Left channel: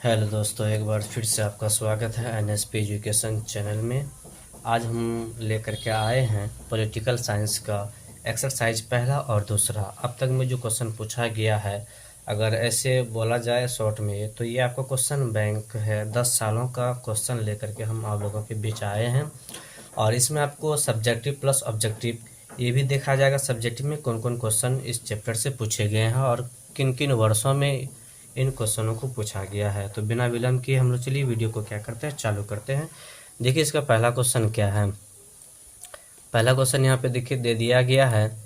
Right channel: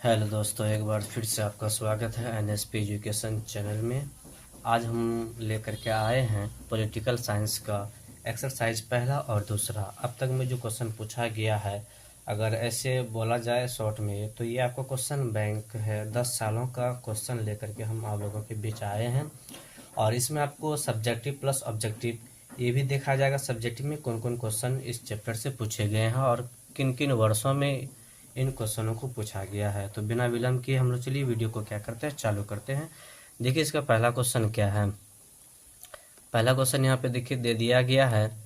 Hello दोस्तों, एक बार फिर से आपका स्वागत है एनएसपी एजुकेशन चैनल में। आज हम लेकर के आए हैं पॉलिटिकल साइंस का एक्सरसाइज पहला और दूसरा। अब तक में जो क्वेश्चन पूछा गया है, अगर ऐसे बोला जाए शॉर्ट में, तो ये आपका क्वेश्चन बैंक है। 10 सालों का क्वेश्चन लेकर के हम आप लोगों के बीच आए हैं और इसमें आपको सब्जेक्टिव प्लस ऑब्जेक्टिव ये भी देखा जाएगा। सब्जेक्टिव में कौन कौन क्वेश्चन इस चैप्टर से पूछे गए हैं और किन किन वर्षों में इन क्वेश्चनों को पूछा गया है। तो बिना विलंब किए हम लोग चलिए वीडियो को क्या करते हैं, चालू करते हैं। देखिए इसका पहला क्वेश्चन क्या है। पहला क्वेश्चन यहाँ पे देखिए दे दिया गया है।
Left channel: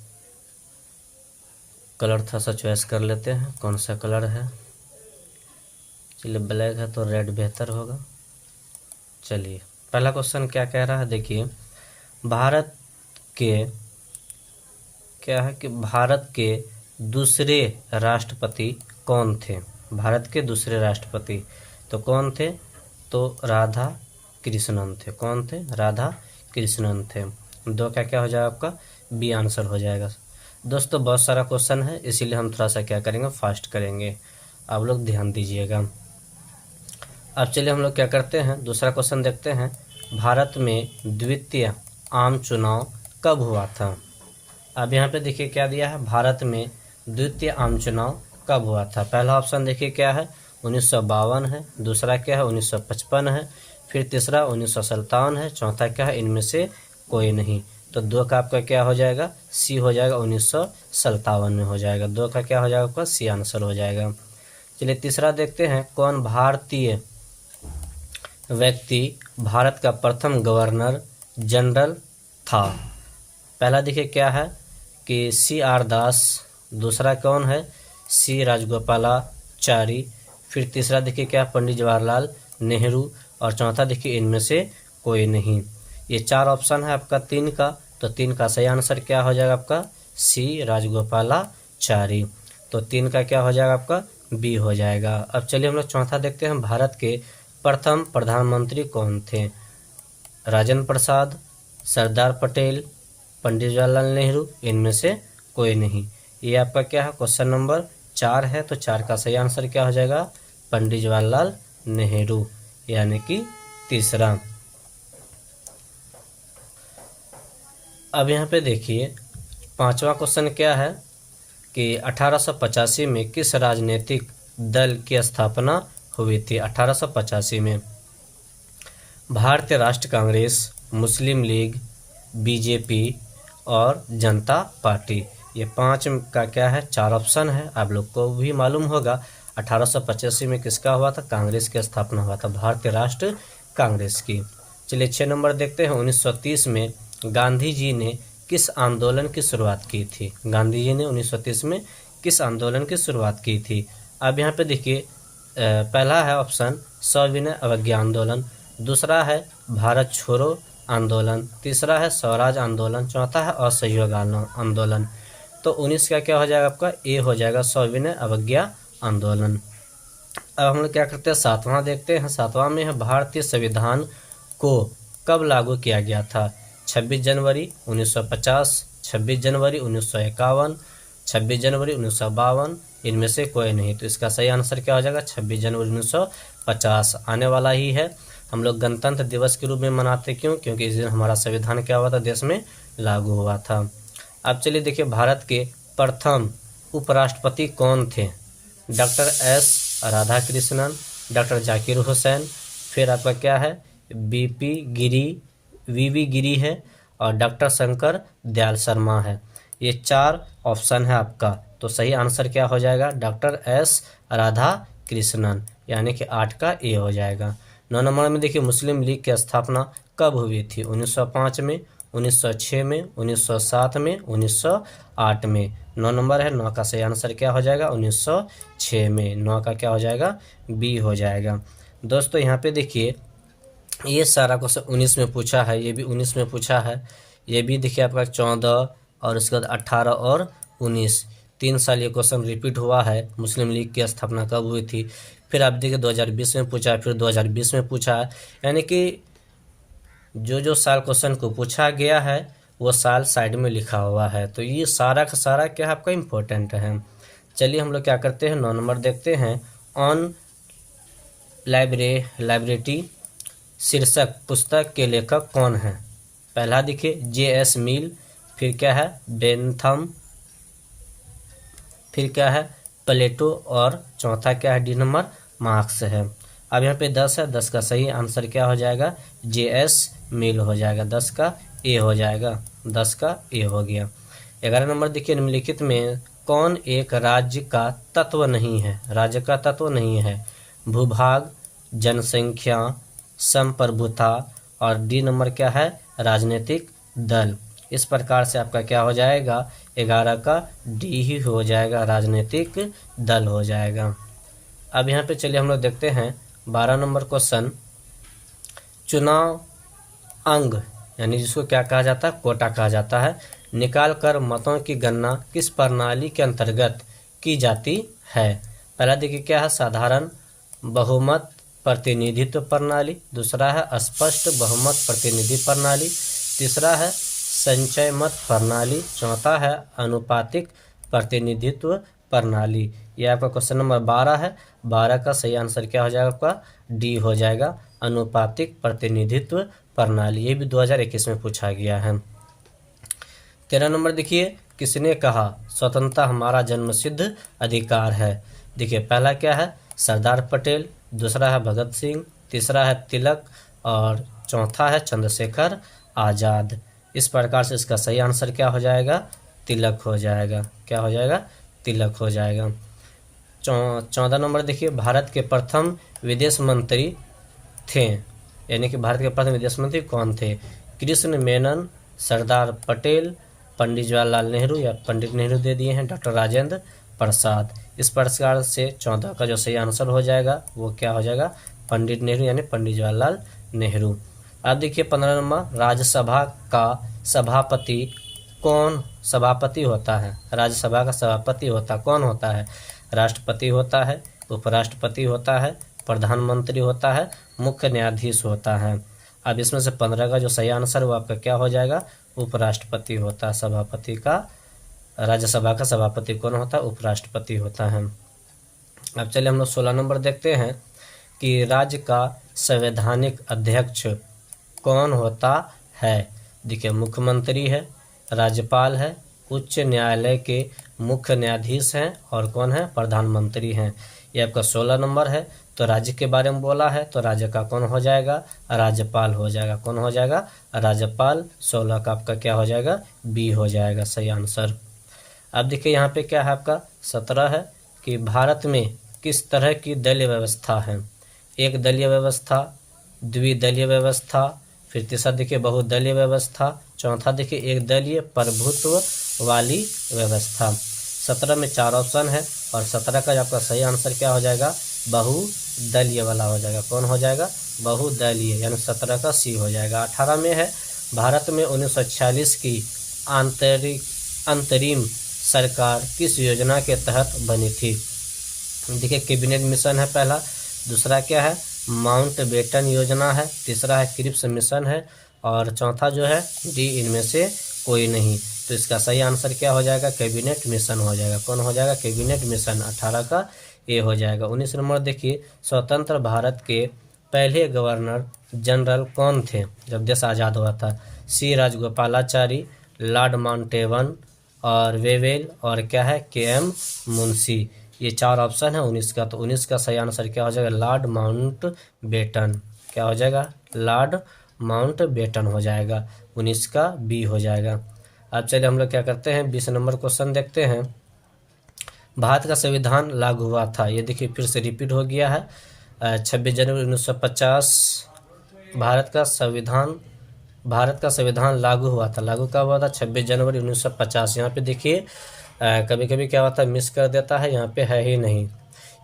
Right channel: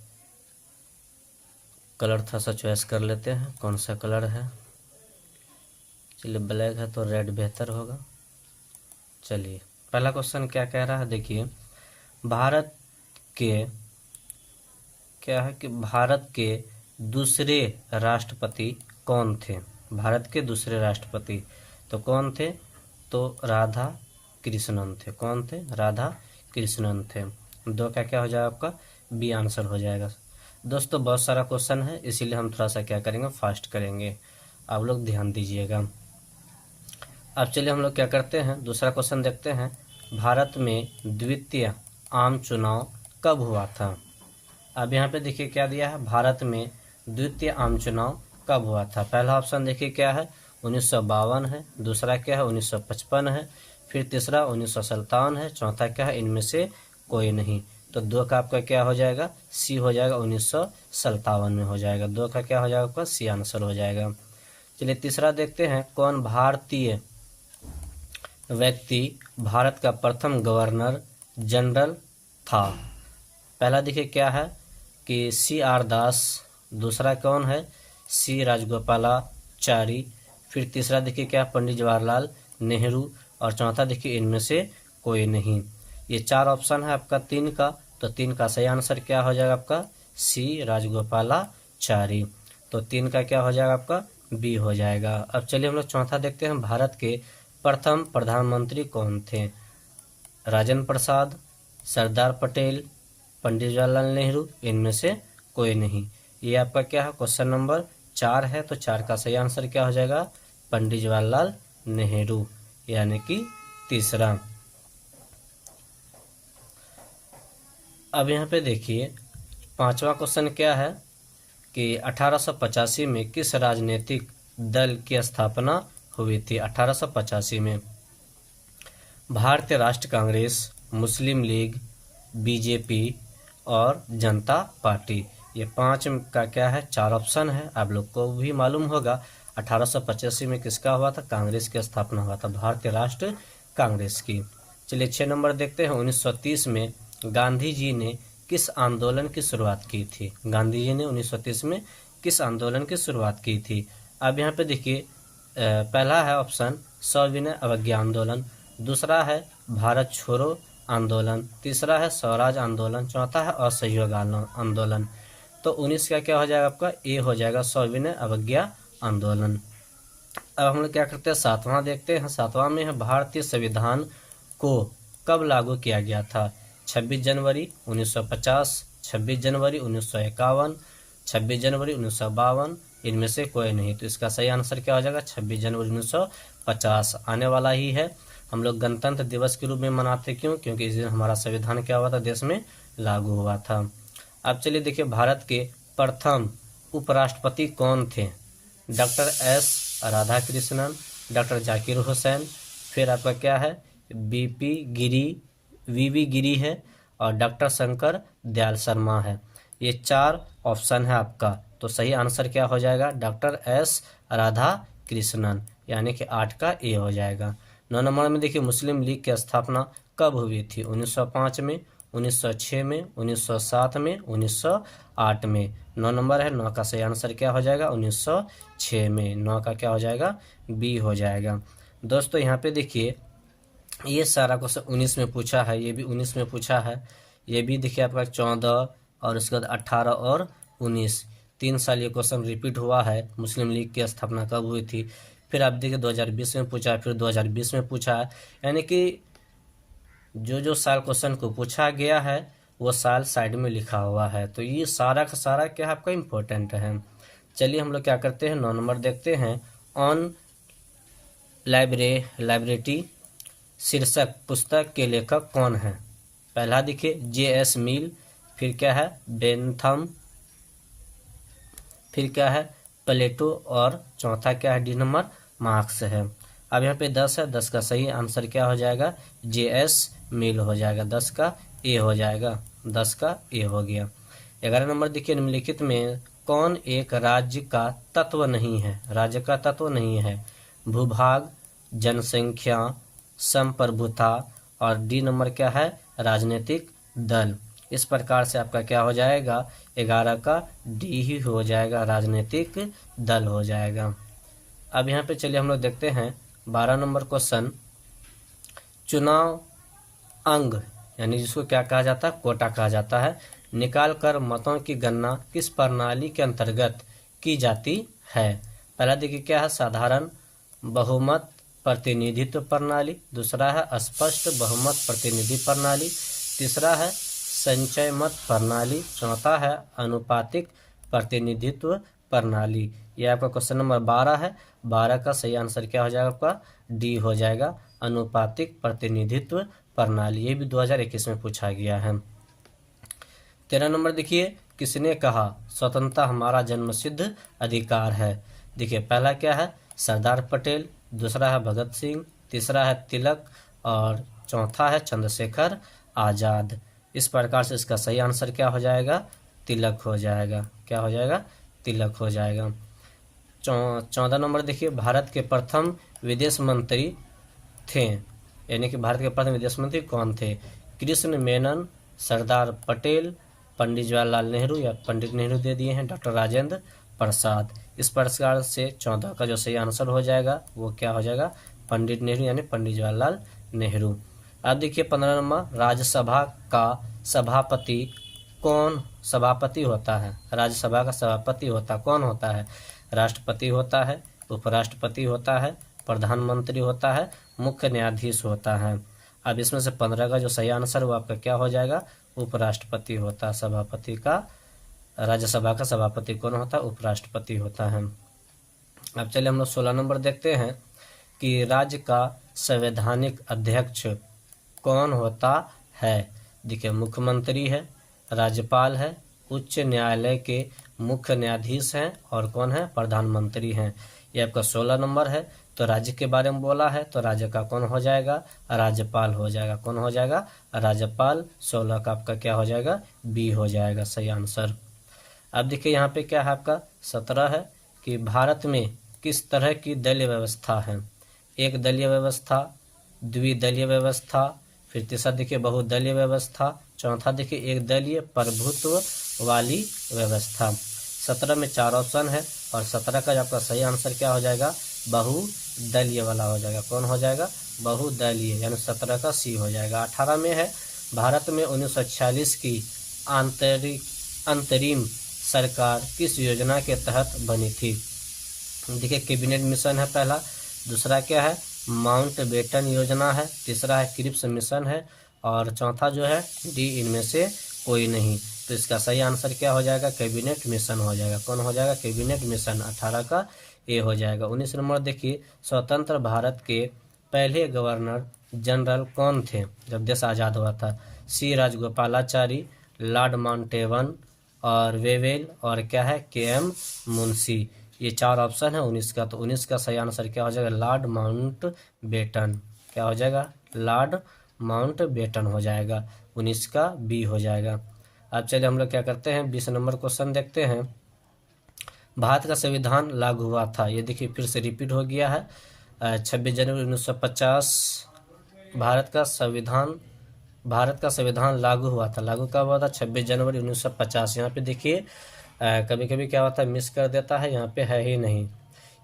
कलर था सा चॉइस कर लेते हैं, कौन सा कलर है। चलिए ब्लैक है तो रेड बेहतर होगा। चलिए पहला क्वेश्चन क्या कह रहा है, देखिए भारत के क्या है कि भारत के दूसरे राष्ट्रपति कौन थे। भारत के दूसरे राष्ट्रपति तो कौन थे, तो राधा कृष्णन थे। कौन थे, राधा कृष्णन थे। दो का क्या हो जाएगा, आपका बी आंसर हो जाएगा। दोस्तों बहुत सारा क्वेश्चन है, इसीलिए हम थोड़ा सा क्या करेंगे, फास्ट करेंगे। आप लोग ध्यान दीजिएगा। अब चलिए हम लोग क्या करते हैं, दूसरा क्वेश्चन देखते हैं। भारत में द्वितीय आम चुनाव कब हुआ था। अब यहाँ पे देखिए क्या दिया है, भारत में द्वितीय आम चुनाव कब हुआ था। पहला ऑप्शन देखिए क्या है, 1952 है। दूसरा क्या है, 1955 है। फिर तीसरा 1957 है। चौथा क्या है, इनमें से कोई नहीं। तो दो का आपका क्या हो जाएगा, सी हो जाएगा, 1957 में हो जाएगा। दो का क्या हो जाएगा, आपका सी आंसर हो जाएगा। चलिए तीसरा देखते हैं। कौन भारतीय व्यक्ति भारत का प्रथम गवर्नर जनरल था। पहला देखिए क्या है कि सी आर दास। दूसरा कौन है, सी राजगोपालाचारी। फिर तीसरा देखिए क्या, पंडित जवाहरलाल नेहरू। और चौथा देखिए इनमें से कोई नहीं। ये चार ऑप्शन है आपका तीन का, तो तीन का सही आंसर क्या हो जाएगा, आपका सी राजगोपालाचारी। तो तीन का क्या हो जाएगा, आपका बी हो जाएगा। अब चलिए हम लोग चौथा देखते हैं। भारत के प्रथम प्रधानमंत्री कौन थे। राजेंद्र प्रसाद, सरदार पटेल, पंडित जवाहरलाल नेहरू, इनमें से कोई नहीं। ये आपका क्या है, क्वेश्चन नंबर 4 है। तो 4 का सही आंसर क्या हो जाएगा, पंडित जवाहरलाल नेहरू, यानी कि तीसरा। अब यहाँ पे देखिए पांचवा क्वेश्चन क्या है कि 1885 में किस राजनीतिक दल की स्थापना हुई थी। 1885 में भारतीय राष्ट्रीय कांग्रेस, मुस्लिम लीग, बीजेपी और जनता पार्टी। ये पांच का क्या है, चार ऑप्शन है। आप लोग को भी मालूम होगा 1885 में किसका हुआ था, कांग्रेस की स्थापना हुआ था, भारतीय राष्ट्रीय कांग्रेस की। चलिए 6 नंबर देखते हैं। 1930 में गांधी जी ने किस आंदोलन की शुरुआत की थी। गांधी जी ने 1930 में किस आंदोलन की शुरुआत की थी। अब यहाँ पे देखिए पहला है ऑप्शन सविनय अवज्ञा आंदोलन। दूसरा है भारत छोड़ो आंदोलन। तीसरा है स्वराज आंदोलन। चौथा है असहयोग आंदोलन। तो 19 का क्या हो जाएगा, आपका ए हो जाएगा, सविनय अवज्ञा आंदोलन। अब हम लोग क्या करते हैं, सातवां देखते हैं। सातवां में है भारतीय संविधान को कब लागू किया गया था। 26 जनवरी 1950, 26 जनवरी 1951, 26 जनवरी 1952, इनमें से कोई नहीं। तो इसका सही आंसर क्या हो जाएगा, 26 जनवरी 1950 आने वाला ही है। हम लोग गणतंत्र दिवस के रूप में मनाते क्यों, क्योंकि इस दिन हमारा संविधान क्या हुआ था, देश में लागू हुआ था। अब चलिए देखिए भारत के प्रथम उपराष्ट्रपति कौन थे। Doctor S Radhakrishnan, doctor Zakir Hussain, फिर आपका क्या है वीवी गिरी है, और डॉक्टर शंकर दयाल शर्मा है। ये चार ऑप्शन है आपका। तो सही आंसर क्या हो जाएगा, डॉक्टर एस राधाकृष्णन, यानी कि 8 का ए हो जाएगा। 9 नंबर में देखिए मुस्लिम लीग की स्थापना कब हुई थी। 1905 में, 1906 में, 1907 में, 1908 में। 9 नंबर है, 9 का सही आंसर क्या हो जाएगा, 1906 में। 9 का क्या हो जाएगा, बी हो जाएगा। दोस्तों यहाँ पे देखिए ये सारा क्वेश्चन 19 में पूछा है, ये भी 19 में पूछा है, ये भी देखिए आपका 14 और उसके बाद 18 और 19, 3 साल ये क्वेश्चन रिपीट हुआ है। मुस्लिम लीग की स्थापना कब हुई थी। फिर आप देखिए 2020 में पूछा है, फिर 2020 में पूछा है, यानी कि जो साल क्वेश्चन को पूछा गया है वो साल साइड में लिखा हुआ है। तो ये सारा का सारा क्या आपका इम्पोर्टेंट है। चलिए हम लोग क्या करते हैं, 9 नंबर देखते हैं। ऑन लाइब्रेटी शीर्षक पुस्तक के लेखक कौन है? पहला देखिए J.S. मिल, फिर क्या है बेंथम, फिर क्या है प्लेटो, और चौथा क्या है डी नंबर मार्क्स है। अब यहाँ पे 10 है, 10 का सही आंसर क्या हो जाएगा? J.S. मिल हो जाएगा, 10 का ए हो जाएगा, 10 का ए हो गया। 11 नंबर देखिए निम्नलिखित में कौन एक राज्य का तत्व नहीं है? राज्य का तत्व नहीं है, भूभाग, जनसंख्या, संप्रभुता, और डी नंबर क्या है राजनीतिक दल। इस प्रकार से आपका क्या हो जाएगा? 11 का डी ही हो जाएगा, राजनीतिक दल हो जाएगा। अब यहाँ पे चलिए हम लोग देखते हैं 12 नंबर क्वेश्चन। चुनाव अंग यानी जिसको क्या कहा जाता है? कोटा कहा जाता है, निकाल कर मतों की गणना किस प्रणाली के अंतर्गत की जाती है? पहला देखिए क्या है साधारण बहुमत प्रतिनिधित्व प्रणाली, दूसरा है स्पष्ट बहुमत प्रतिनिधि प्रणाली, तीसरा है संचय मत प्रणाली, चौथा है अनुपातिक प्रतिनिधित्व प्रणाली। ये आपका क्वेश्चन नंबर 12 है। 12 का सही आंसर क्या हो जाएगा? आपका डी हो जाएगा, अनुपातिक प्रतिनिधित्व प्रणाली। ये भी 2021 में पूछा गया है। 13 नंबर देखिए किसने कहा स्वतंत्रता हमारा जन्मसिद्ध अधिकार है? देखिए पहला क्या है सरदार पटेल, दूसरा है भगत सिंह, तीसरा है तिलक, और चौथा है चंद्रशेखर आजाद। इस प्रकार से इसका सही आंसर क्या हो जाएगा? तिलक हो जाएगा। क्या हो जाएगा? तिलक हो जाएगा। 14 नंबर देखिए भारत के प्रथम विदेश मंत्री थे, यानी कि भारत के प्रथम विदेश मंत्री कौन थे? कृष्ण मेनन, सरदार पटेल, पंडित जवाहरलाल नेहरू, या पंडित नेहरू दे दिए हैं, डॉक्टर राजेंद्र प्रसाद। इस प्रकार से 14 का जो सही आंसर हो जाएगा वो क्या हो जाएगा? पंडित नेहरू यानी पंडित जवाहरलाल नेहरू। अब देखिए 15 नंबर राज्यसभा का सभापति कौन सभापति होता है? राज्यसभा का सभापति कौन होता है? राष्ट्रपति होता है, उपराष्ट्रपति होता है, प्रधानमंत्री होता है, मुख्य न्यायाधीश होता है। अब इसमें से 15 का जो सही आंसर वो आपका क्या हो जाएगा? उपराष्ट्रपति होता है। सभापति का राज्यसभा का सभापति कौन होता है? उपराष्ट्रपति होता है। अब चलिए हम लोग 16 नंबर देखते हैं कि राज्य का संवैधानिक अध्यक्ष कौन होता है? देखिए मुख्यमंत्री है, राज्यपाल है, उच्च न्यायालय के मुख्य न्यायाधीश हैं, और कौन है? प्रधानमंत्री हैं। ये आपका 16 नंबर है। तो राज्य के बारे में बोला है तो राज्य का कौन हो जाएगा? राज्यपाल हो जाएगा। कौन हो जाएगा? राज्यपाल। 16 का आपका क्या हो जाएगा? बी हो जाएगा सही आंसर। अब देखिए यहाँ पे क्या है आपका 17 है कि भारत में किस तरह की दलीय व्यवस्था है? एक दलीय व्यवस्था, द्विदलीय व्यवस्था, फिर तीसरा देखिए बहुदलीय व्यवस्था, चौथा देखिए एक दलीय प्रभुत्व वाली व्यवस्था। 17 में 4 ऑप्शन है और 17 का आपका सही आंसर क्या हो जाएगा? बहुदलीय वाला हो जाएगा। कौन हो जाएगा? बहुदलीय, यानी 17 का सी हो जाएगा। 18 में है भारत में 1946 की अंतरिम सरकार किस योजना के तहत बनी थी? देखिए कैबिनेट मिशन है पहला, दूसरा क्या है माउंटबेटन योजना है, तीसरा है क्रिप्स मिशन है, और चौथा जो है डी इनमें से कोई नहीं। तो इसका सही आंसर क्या हो जाएगा? कैबिनेट मिशन हो जाएगा। कौन हो जाएगा? Cabinet mission. 18 का ए हो जाएगा। 19 नंबर देखिए स्वतंत्र भारत के पहले गवर्नर जनरल कौन थे जब देश आज़ाद हुआ था? सी राजगोपालाचारी, लॉर्ड माउंटेबन, और वेवेल, और क्या है के.एम. मुंशी। ये 4 ऑप्शन है 19 का। तो 19 का सही आंसर क्या हो जाएगा? Lord Mountbatten. क्या हो जाएगा? लॉर्ड माउंटबेटन हो जाएगा। 19 का बी हो जाएगा। अब चलिए हम लोग क्या करते हैं 20 नंबर क्वेश्चन देखते हैं। भारत का संविधान लागू हुआ था, ये देखिए फिर से रिपीट हो गया है। 26 जनवरी 1950 भारत का संविधान लागू हुआ था। लागू कब हुआ था? 26 जनवरी 1950। यहाँ पे देखिए कभी कभी क्या होता है मिस कर देता है, यहाँ पे है ही नहीं,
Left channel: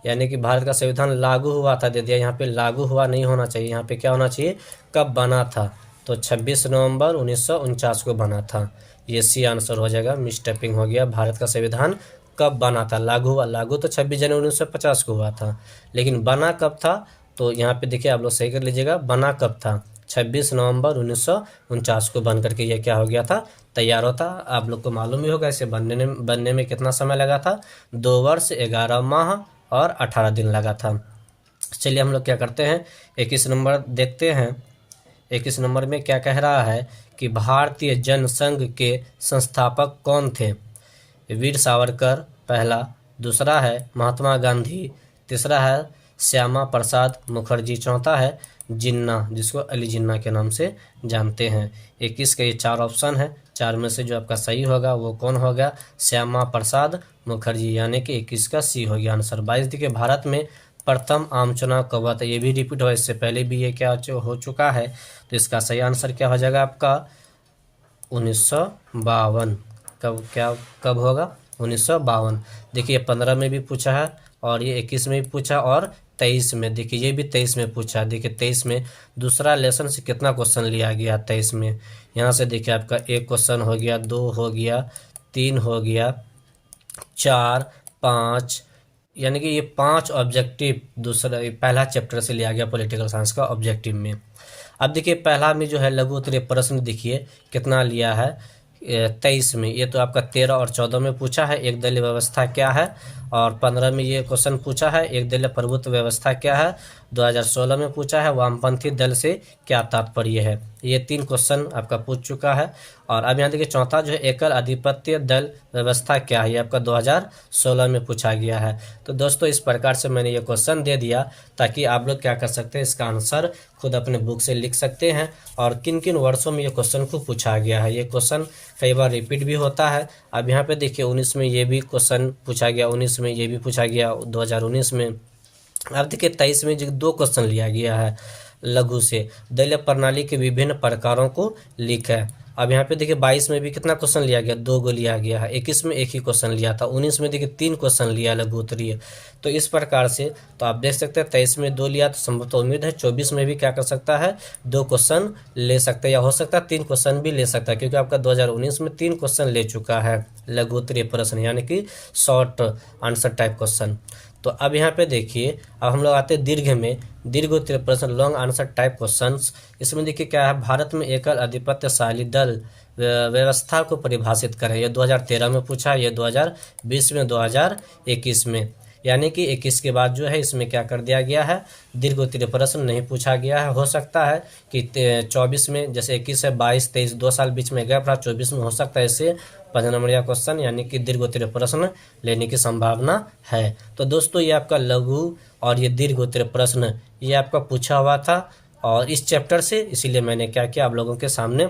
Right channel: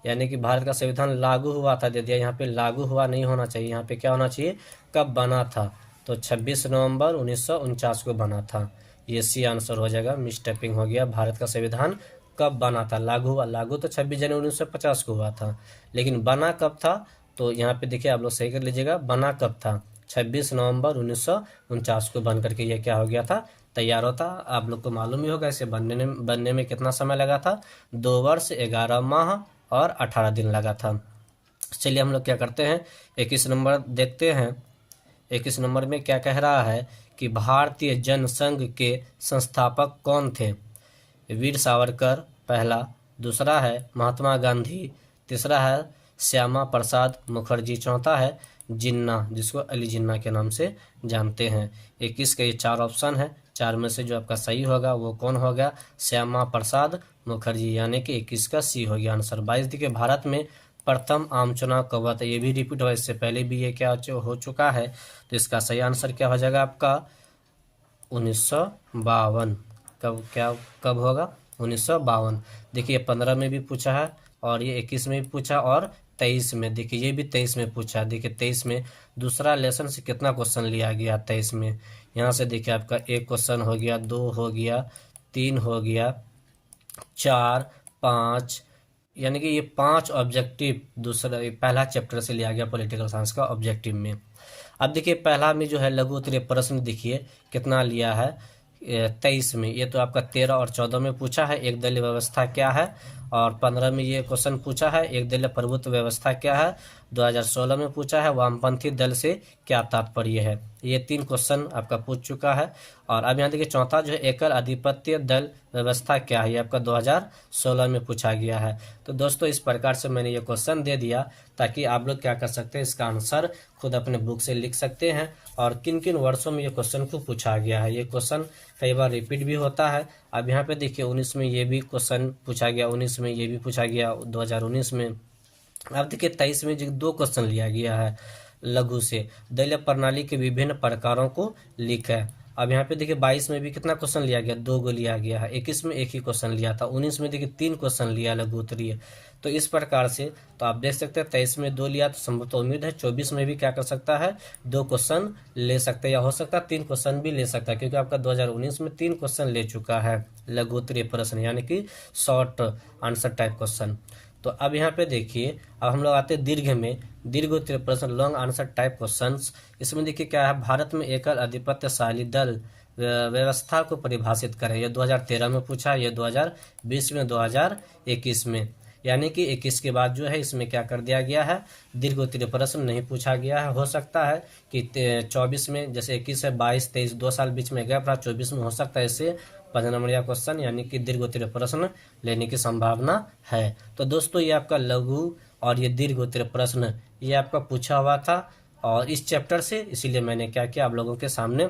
यानी कि भारत का संविधान लागू हुआ था दे दिया, यहाँ पे लागू हुआ नहीं होना चाहिए, यहाँ पे क्या होना चाहिए कब बना था? तो 26 नवंबर 1949 को बना था। ये सी आंसर हो जाएगा, मिस टाइपिंग हो गया। भारत का संविधान कब बना था? लागू हुआ, लागू तो 26 जनवरी 1950 को हुआ था, लेकिन बना कब था? तो यहाँ पे देखिए आप लोग सही कर लीजिएगा, बना कब था? 26 नवंबर 1949 को बन करके ये क्या हो गया था? तैयार होता। आप लोग को मालूम ही होगा इसे बनने में कितना समय लगा था? 2 वर्ष 11 माह और 18 दिन लगा था। चलिए हम लोग क्या करते हैं, 21 नंबर देखते हैं। 21 नंबर में क्या कह रहा है कि भारतीय जनसंघ के संस्थापक कौन थे? वीर सावरकर पहला, दूसरा है महात्मा गांधी, तीसरा है श्यामा प्रसाद मुखर्जी, चौथा है जिन्ना, जिसको अली जिन्ना के नाम से जानते हैं। 21 के ये 4 ऑप्शन है, 4 में से जो आपका सही होगा वो कौन होगा? श्यामा प्रसाद मुखर्जी, यानी कि 21 का सी हो गया आंसर। 22 देखिए, भारत में प्रथम आम चुनाव कब हुआ था? ये भी रिपीट हुआ, इससे पहले भी ये क्या हो चुका है, तो इसका सही आंसर क्या हो जाएगा आपका? 1952। कब होगा? 1952। देखिए 15 में भी पूछा है, और ये 21 में भी पूछा, और 23 में, देखिए ये भी 23 में पूछा। देखिए 23 में दूसरा लेसन से कितना क्वेश्चन लिया गया 23 में, यहाँ से देखिए आपका 1 क्वेश्चन हो गया, 2 हो गया, 3 हो गया, 4, 5, यानी कि ये 5 ऑब्जेक्टिव दूसरा पहला चैप्टर से लिया गया पॉलिटिकल साइंस का ऑब्जेक्टिव में। अब देखिए पहला में जो है लघु उत्तरीय प्रश्न देखिए कितना लिया है 23 में, ये तो आपका 13 और 14 में पूछा है, एक दलीय व्यवस्था क्या है, और 15 में ये क्वेश्चन पूछा है, एक दलीय प्रभुत्व व्यवस्था क्या है, 2016 में पूछा है, वामपंथी दल से क्या तात्पर्य है। ये 3 क्वेश्चन आपका पूछ चुका है। और अब यहाँ देखिए चौथा जो है एकल अधिपत्य दल व्यवस्था क्या है, ये आपका 2016 में पूछा गया है। तो दोस्तों इस प्रकार से मैंने ये क्वेश्चन दे दिया, ताकि आप लोग क्या कर सकते हैं, इसका आंसर खुद अपने बुक से लिख सकते हैं, और किन किन वर्षों में ये क्वेश्चन को पूछा गया है। ये क्वेश्चन कई बार रिपीट भी होता है। अब यहाँ पे देखिए 19 में ये भी क्वेश्चन पूछा गया, 19 में ये भी पूछा गया, 2019 में। अब देखिए 23 में जो 2 क्वेश्चन लिया गया है लघु से, दलीय प्रणाली के विभिन्न प्रकारों को लिखें। अब यहाँ पे देखिए 22 में भी कितना क्वेश्चन लिया गया, 2 गो लिया गया है। 21 में 1 ही क्वेश्चन लिया था। 19 में देखिए 3 क्वेश्चन लिया लघु उत्तरीय। तो इस प्रकार से तो आप देख सकते हैं 23 में 2 लिया, तो संभवतः उम्मीद है 24 में भी क्या कर सकता है, 2 क्वेश्चन ले सकता है, या हो सकता है 3 क्वेश्चन भी ले सकता है, क्योंकि आपका 2019 में 3 क्वेश्चन ले चुका है लघु उत्तरीय प्रश्न, यानी कि शॉर्ट आंसर टाइप क्वेश्चन। तो अब यहाँ पे देखिए, अब हम लोग आते हैं दीर्घ में, दीर्घ उत्तरीय प्रश्न, लॉन्ग आंसर टाइप क्वेश्चंस। इसमें देखिए क्या है, भारत में एकल आधिपत्यशाली दल व्यवस्था को परिभाषित करें। ये 2013 में पूछा, ये 2020 में, 2021 में, यानी कि 21 के बाद जो है इसमें क्या कर दिया गया है, दीर्घ उत्तरीय प्रश्न नहीं पूछा गया है। हो सकता है कि 24 में, जैसे 21 है, 22, 23 2 साल बीच में गैप रहा, 24 में हो सकता है इसे 15 नंबर का क्वेश्चन यानी कि दीर्घ उत्तरीय प्रश्न लेने की संभावना है। तो दोस्तों ये आपका लघु और ये दीर्घ उत्तरीय प्रश्न ये आपका पूछा हुआ था, और इस चैप्टर से, इसीलिए मैंने क्या किया, आप लोगों के सामने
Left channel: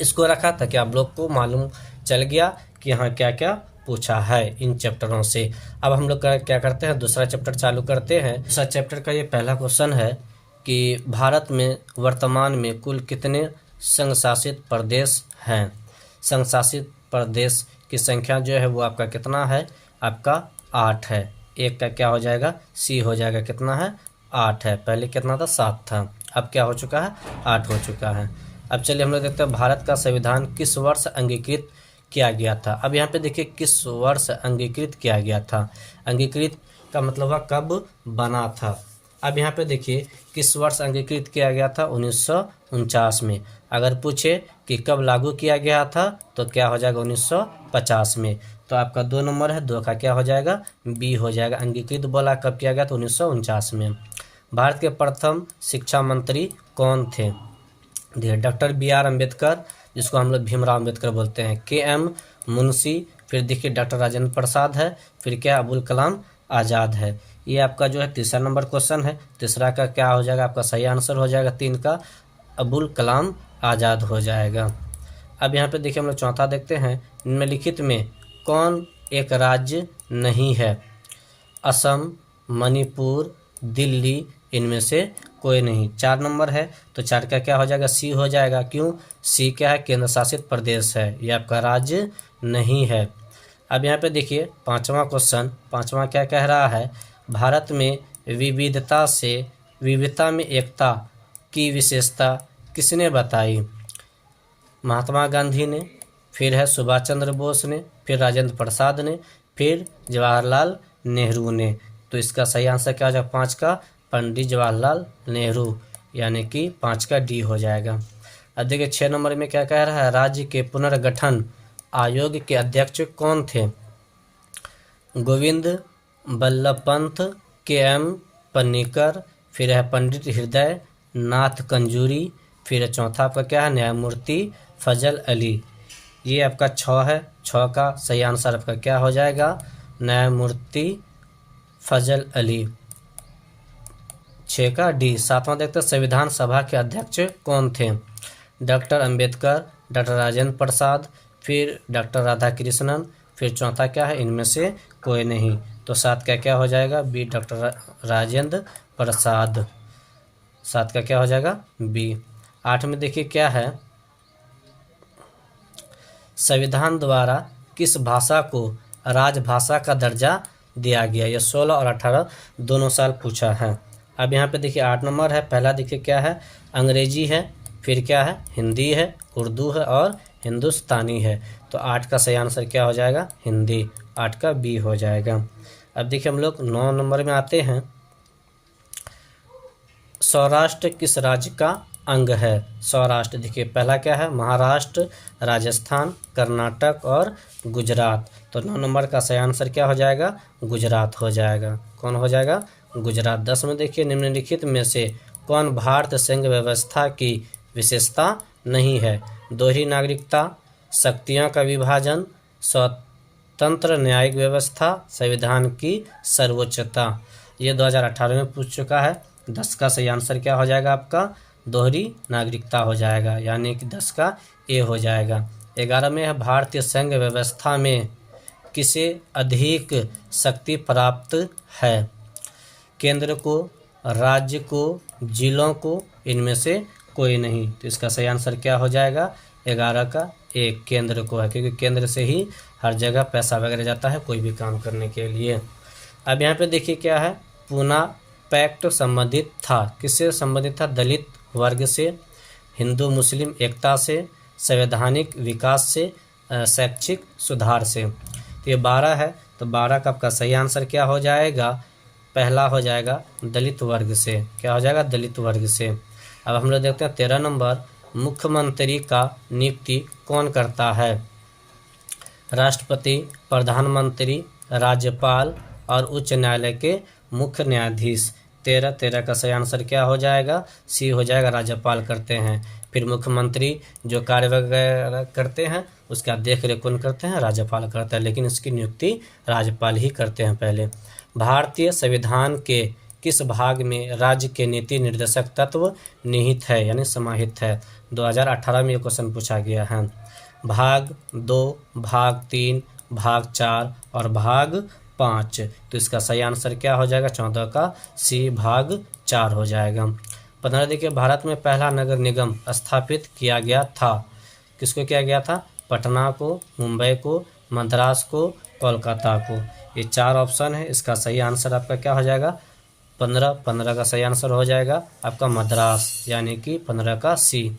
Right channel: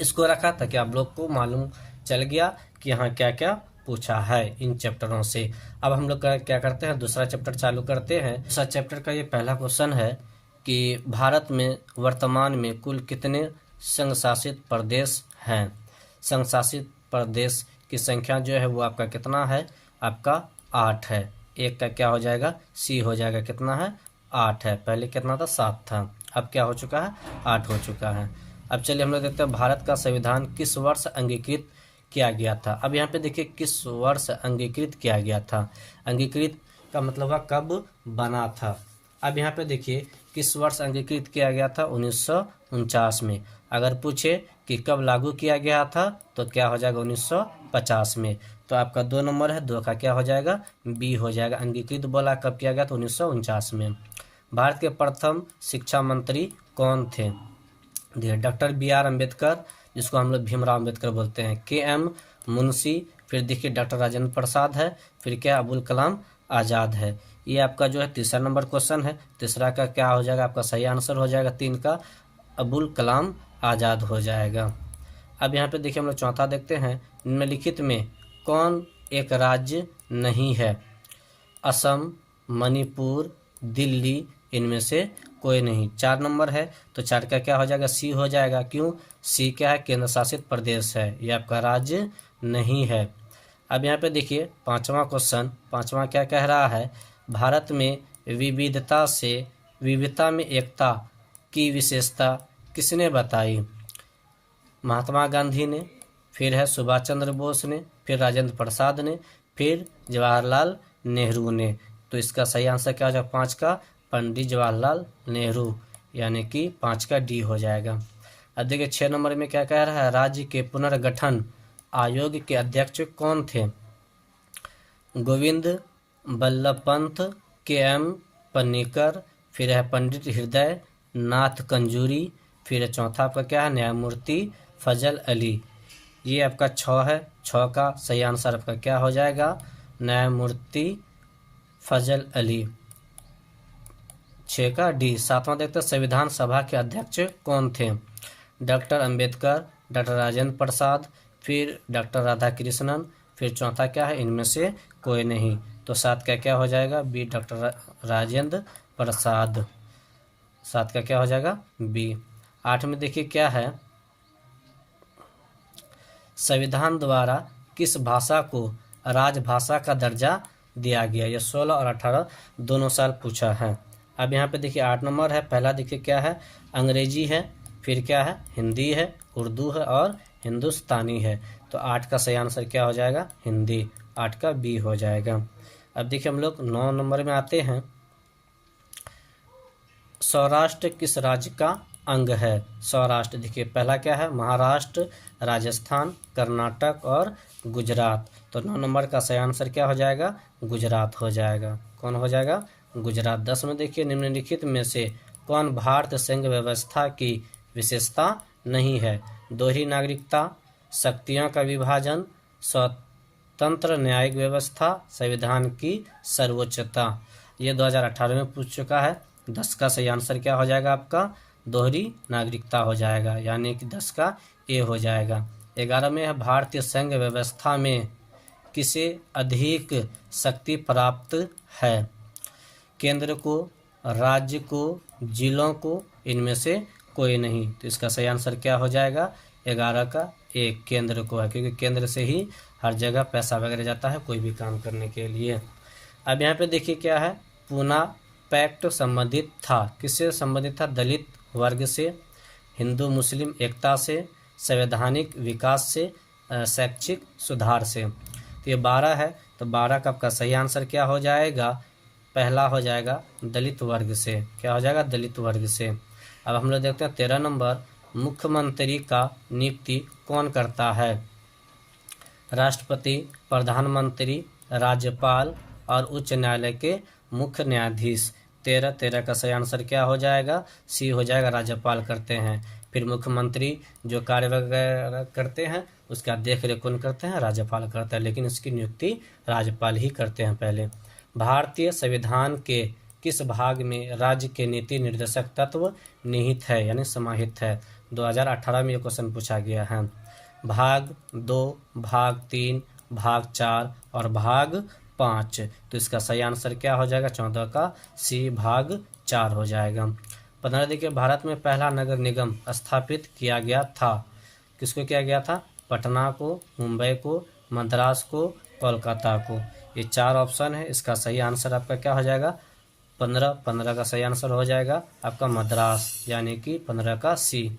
इसको रखा ताकि आप लोग को मालूम चल गया कि हाँ क्या क्या पूछा है इन चैप्टरों से। अब हम लोग क्या करते हैं, दूसरा चैप्टर चालू करते हैं। दूसरा चैप्टर का ये पहला क्वेश्चन है कि भारत में वर्तमान में कुल कितने संघ शासित प्रदेश हैं? संघ शासित प्रदेश की संख्या जो है वो आपका कितना है, आपका 8 है। एक का क्या हो जाएगा, सी हो जाएगा, कितना है, 8 है। पहले कितना था, 7 था, अब क्या हो चुका है, 8 हो चुका है। अब चलिए हम लोग देखते हैं भारत का संविधान किस वर्ष अंगीकृत किया गया था। अब यहाँ पे देखिए किस वर्ष अंगीकृत किया गया था, अंगीकृत का मतलब है कब बना था। अब यहाँ पे देखिए किस वर्ष अंगीकृत किया गया था, 1949 में। अगर पूछे कि कब लागू किया गया था तो क्या हो जाएगा, 1950 में। तो आपका 2 नंबर है, 2 का क्या हो जाएगा, बी हो जाएगा। अंगीकृत बोला कब किया गया, तो 1949 में। भारत के प्रथम शिक्षा मंत्री कौन थे? Doctor B R. अम्बेडकर, जिसको हम लोग भीमराव अम्बेडकर बोलते हैं, के.एम. मुंशी, फिर देखिए डॉक्टर राजेंद्र प्रसाद है, फिर क्या अबुल कलाम आज़ाद है। ये आपका जो है तीसरा नंबर क्वेश्चन है। तीसरा का क्या हो जाएगा, आपका सही आंसर हो जाएगा 3 का अबुल कलाम आज़ाद हो जाएगा। अब यहाँ पे देखिए हम लोग चौथा देखते हैं, निम्नलिखित में कौन एक राज्य नहीं है? असम, मणिपुर, दिल्ली, इनमें से कोई नहीं। 4 नंबर है, तो 4 का क्या हो जाएगा, सी हो जाएगा। क्यों, सी क्या है, केंद्र शासित प्रदेश है, ये आपका राज्य नहीं है। अब यहाँ पे देखिए पांचवा क्वेश्चन, पांचवा क्या कह रहा है, भारत में विविधता में एकता की विशेषता किसने बताई? महात्मा गांधी ने, फिर है सुभाष चंद्र बोस ने, फिर राजेंद्र प्रसाद ने, फिर जवाहरलाल नेहरू ने। तो इसका सही आंसर क्या हो जाएगा, 5 का पंडित जवाहरलाल नेहरू, यानी कि 5 का डी हो जाएगा। अब देखिए 6 नंबर में क्या कह रहा है, राज्य के पुनर्गठन आयोग के अध्यक्ष कौन थे? गोविंद बल्लभ पंत, के.एम. पन्नीकर, फिर है पंडित हृदय नाथ कंजूरी, फिर चौथा आपका क्या है न्यायमूर्ति फजल अली। ये आपका 6 है, 6 का सही आंसर आपका क्या हो जाएगा न्यायमूर्ति फजल अली, 6 का डी। 7वां देखते हैं संविधान सभा के अध्यक्ष कौन थे? डॉक्टर अंबेडकर, डॉक्टर राजेंद्र प्रसाद, फिर डॉक्टर राधाकृष्णन, फिर चौथा क्या है इनमें से कोई नहीं। तो 7 का क्या हो जाएगा बी डॉक्टर राजेंद्र प्रसाद, 7 का क्या हो जाएगा बी। 8 में देखिए क्या है संविधान द्वारा किस भाषा को राजभाषा का दर्जा दिया गया? ये 16 और 18 दोनों साल पूछा है। अब यहाँ पे देखिए 8 नंबर है, पहला देखिए क्या है अंग्रेजी है, फिर क्या है हिंदी है, उर्दू है और हिंदुस्तानी है। तो 8 का सही आंसर क्या हो जाएगा हिंदी, 8 का बी हो जाएगा। अब देखिए हम लोग 9 नंबर में आते हैं। सौराष्ट्र किस राज्य का अंग है? सौराष्ट्र देखिए पहला क्या है महाराष्ट्र, राजस्थान, कर्नाटक और गुजरात। तो 9 नंबर का सही आंसर क्या हो जाएगा गुजरात हो जाएगा। कौन हो जाएगा गुजरात। 10 में देखिए निम्नलिखित में से कौन भारत संघ व्यवस्था की विशेषता नहीं है? दोहरी नागरिकता, शक्तियों का विभाजन, स्वतंत्र न्यायिक व्यवस्था, संविधान की सर्वोच्चता। ये 2018 में पूछ चुका है। 10 का सही आंसर क्या हो जाएगा आपका दोहरी नागरिकता हो जाएगा, यानी कि 10 का ए हो जाएगा। 11 में है भारतीय संघ व्यवस्था में किसे अधिक शक्ति प्राप्त है? केंद्र को, राज्य को, जिलों को, इनमें से कोई नहीं। तो इसका सही आंसर क्या हो जाएगा 11 का एक केंद्र को है, क्योंकि केंद्र से ही हर जगह पैसा वगैरह जाता है कोई भी काम करने के लिए। अब यहाँ पे देखिए क्या है पूना पैक्ट संबंधित था, किससे संबंधित था? दलित वर्ग से, हिंदू मुस्लिम एकता से, संवैधानिक विकास से, शैक्षिक सुधार से। तो ये 12 है, तो 12 का आपका सही आंसर क्या हो जाएगा पहला हो जाएगा दलित वर्ग से। क्या हो जाएगा दलित वर्ग से। अब हम लोग देखते हैं 13 नंबर मुख्यमंत्री का नियुक्ति कौन करता है? राष्ट्रपति, प्रधानमंत्री, राज्यपाल और उच्च न्यायालय के मुख्य न्यायाधीश। 13 का सही आंसर क्या हो जाएगा सी हो जाएगा राज्यपाल करते हैं। फिर मुख्यमंत्री जो कार्य वगैरह करते हैं उसका देख रेख कौन करते हैं राज्यपाल करते हैं, लेकिन इसकी नियुक्ति राज्यपाल ही करते हैं पहले। भारतीय संविधान के किस भाग में राज्य के नीति निर्देशक तत्व निहित है यानी समाहित है? 2018 में ये क्वेश्चन पूछा गया है। भाग 2, भाग 3, भाग 4 और भाग 5। तो इसका सही आंसर क्या हो जाएगा 14 का सी भाग 4 हो जाएगा। 15 देखिए भारत में पहला नगर निगम स्थापित किया गया था, किसको किया गया था? पटना को, मुंबई को, मद्रास को, कोलकाता को। ये 4 ऑप्शन है, इसका सही आंसर आपका क्या हो जाएगा 15 का सही आंसर हो जाएगा आपका मद्रास, यानी कि 15 का सी।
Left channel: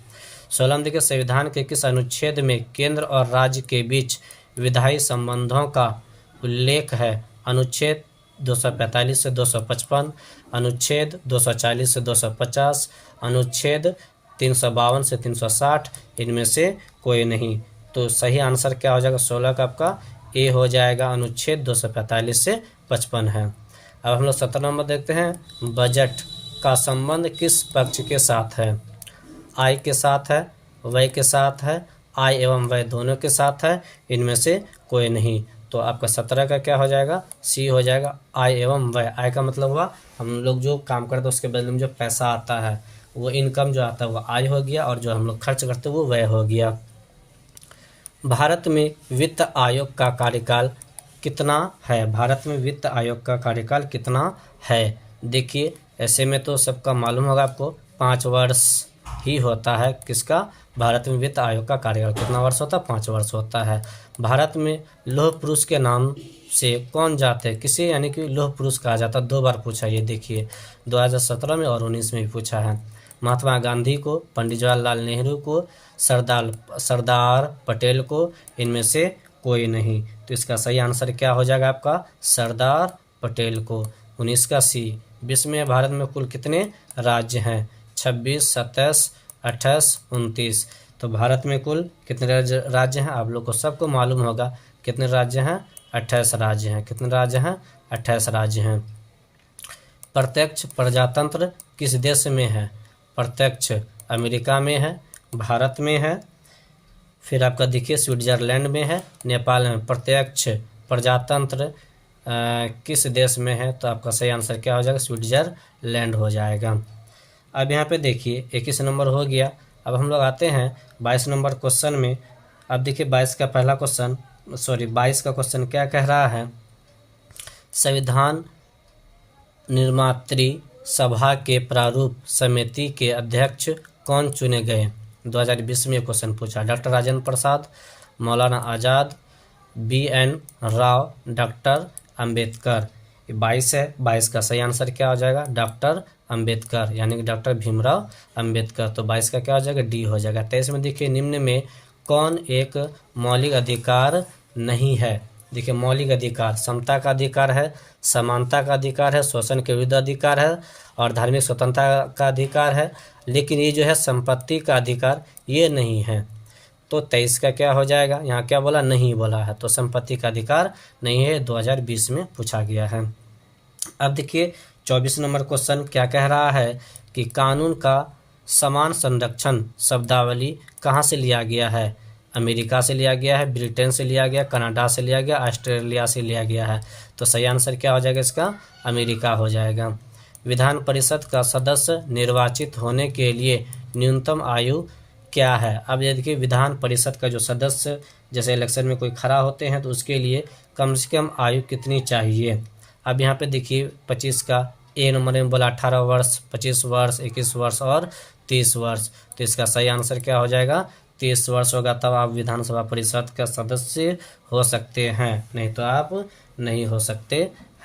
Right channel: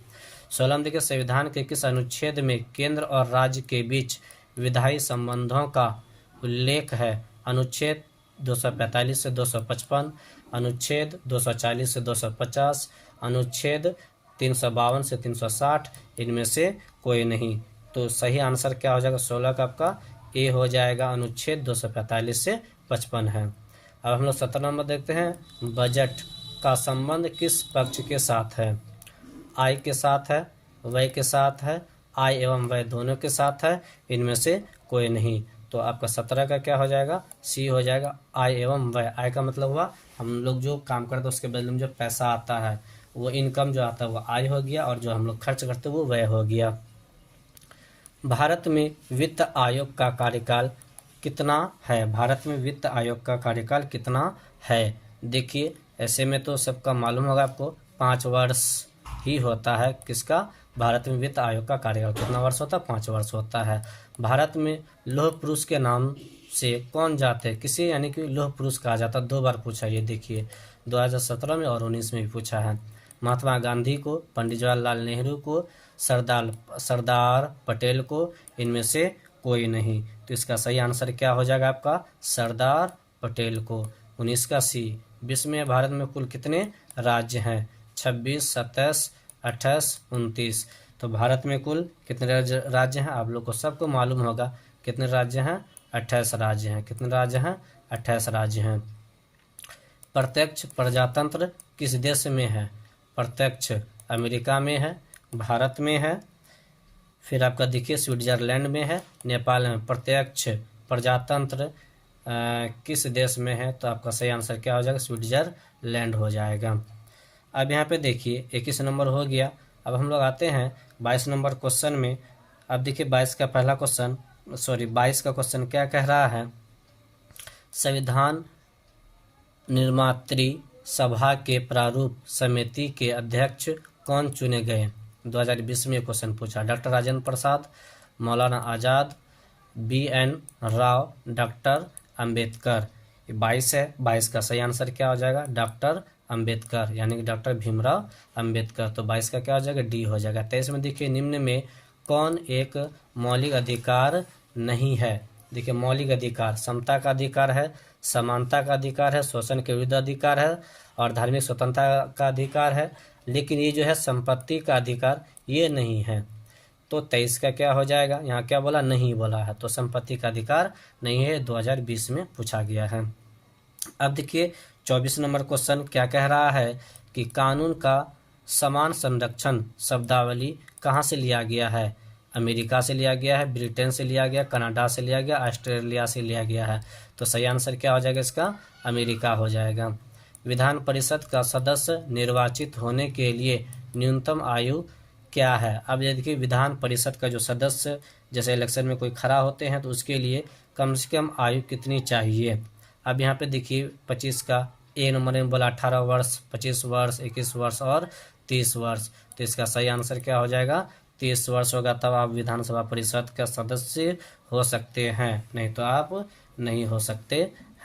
16 देखिए संविधान के किस अनुच्छेद में केंद्र और राज्य के बीच विधायी संबंधों का उल्लेख है? अनुच्छेद 245 से 255, अनुच्छेद 240 से 250, अनुच्छेद 352 से 360, इनमें से कोई नहीं। तो सही आंसर क्या हो जाएगा 16 का आपका ए हो जाएगा, अनुच्छेद 245 से 55 है। अब हम लोग 17 नंबर देखते हैं बजट का संबंध किस पक्ष के साथ है? आय के साथ है, व्यय के साथ है, आय एवं व्यय दोनों के साथ है, इनमें से कोई नहीं। तो आपका 17 का क्या हो जाएगा सी हो जाएगा आय एवं व्यय। आय का मतलब हुआ हम लोग जो काम करते हैं उसके बदले में जो पैसा आता है वो इनकम जो आता है वो आय हो गया, और जो हम लोग खर्च करते हैं वो व्यय हो गया। भारत में वित्त आयोग का कार्यकाल कितना है? भारत में वित्त आयोग का कार्यकाल कितना है? देखिए ऐसे में तो सबका मालूम होगा आपको 5 वर्ष ही होता है। किसका? भारत में वित्त आयोग का कार्यकाल कितना वर्ष होता है? 5 वर्ष होता है। भारत में लौह पुरुष के नाम से कौन जाते हैं? किसे यानी कि लौह पुरुष कहा जाता है? 2 बार पूछा, ये देखिए 2017 में और 19 में भी पूछा है। महात्मा गांधी को, पंडित जवाहरलाल नेहरू को, सरदार पटेल को, इनमें से कोई नहीं। तो इसका सही आंसर क्या हो जाएगा आपका सरदार पटेल को, 19 का सी। विश्व में भारत में कुल कितने राज्य हैं? 26, 27, 28, 29। तो भारत में कुल कितने राज्य हैं? आप लोग को सबको मालूम होगा कितने राज्य हैं, 28 राज्य हैं। कितने राज्य हैं? 28 राज्य हैं। प्रत्यक्ष प्रजातंत्र किस देश में है? प्रत्यक्ष अमेरिका में है, भारत में है, फिर आपका देखिए स्विट्जरलैंड में है, नेपाल में। प्रत्यक्ष प्रजातंत्र किस देश में है? तो आपका सही आंसर क्या हो जाएगा? स्विट्जरलैंड हो जाएगा। अब यहाँ पे देखिए 21 नंबर हो गया। अब हम लोग आते हैं 22 नंबर क्वेश्चन में। अब देखिए 22 का क्वेश्चन क्या कह रहा है? संविधान निर्मात्री सभा के प्रारूप समिति के अध्यक्ष कौन चुने गए? 2020 में क्वेश्चन पूछा। डॉक्टर राजेंद्र प्रसाद, मौलाना आज़ाद, BN राव, डॉक्टर अंबेडकर। 22 है, 22 का सही आंसर क्या हो जाएगा? डॉक्टर अंबेडकर, यानी कि डॉक्टर भीमराव अंबेडकर। तो 22 का क्या हो जाएगा? डी हो जाएगा। 23 में देखिए निम्न में कौन एक मौलिक अधिकार नहीं है? देखिए मौलिक अधिकार समता का अधिकार है, समानता का अधिकार है, शोषण के विरुद्ध अधिकार है और धार्मिक स्वतंत्रता का अधिकार है, लेकिन ये जो है संपत्ति का अधिकार ये नहीं है। तो 23 का क्या हो जाएगा? यहाँ क्या बोला? नहीं बोला है, तो संपत्ति का अधिकार नहीं है। 2020 में पूछा गया है। अब देखिए 24 नंबर क्वेश्चन क्या कह रहा है कि कानून का समान संरक्षण शब्दावली कहाँ से लिया गया है? अमेरिका से लिया गया है, ब्रिटेन से लिया गया, कनाडा से लिया गया, ऑस्ट्रेलिया से लिया गया है। तो सही आंसर क्या हो जाएगा इसका? अमेरिका हो जाएगा। विधान परिषद का सदस्य निर्वाचित होने के लिए न्यूनतम आयु क्या है? अब ये देखिए विधान परिषद का जो सदस्य जैसे इलेक्शन में कोई खड़ा होते हैं तो उसके लिए कम से कम आयु कितनी चाहिए? अब यहाँ पे देखिए 25 का ए नंबर में बोला 18 वर्ष, 25 वर्ष, 21 वर्ष और 30 वर्ष। तो इसका सही आंसर क्या हो जाएगा? 30 वर्ष होगा, तब आप विधानसभा परिषद का सदस्य हो सकते हैं, नहीं तो आप नहीं हो सकते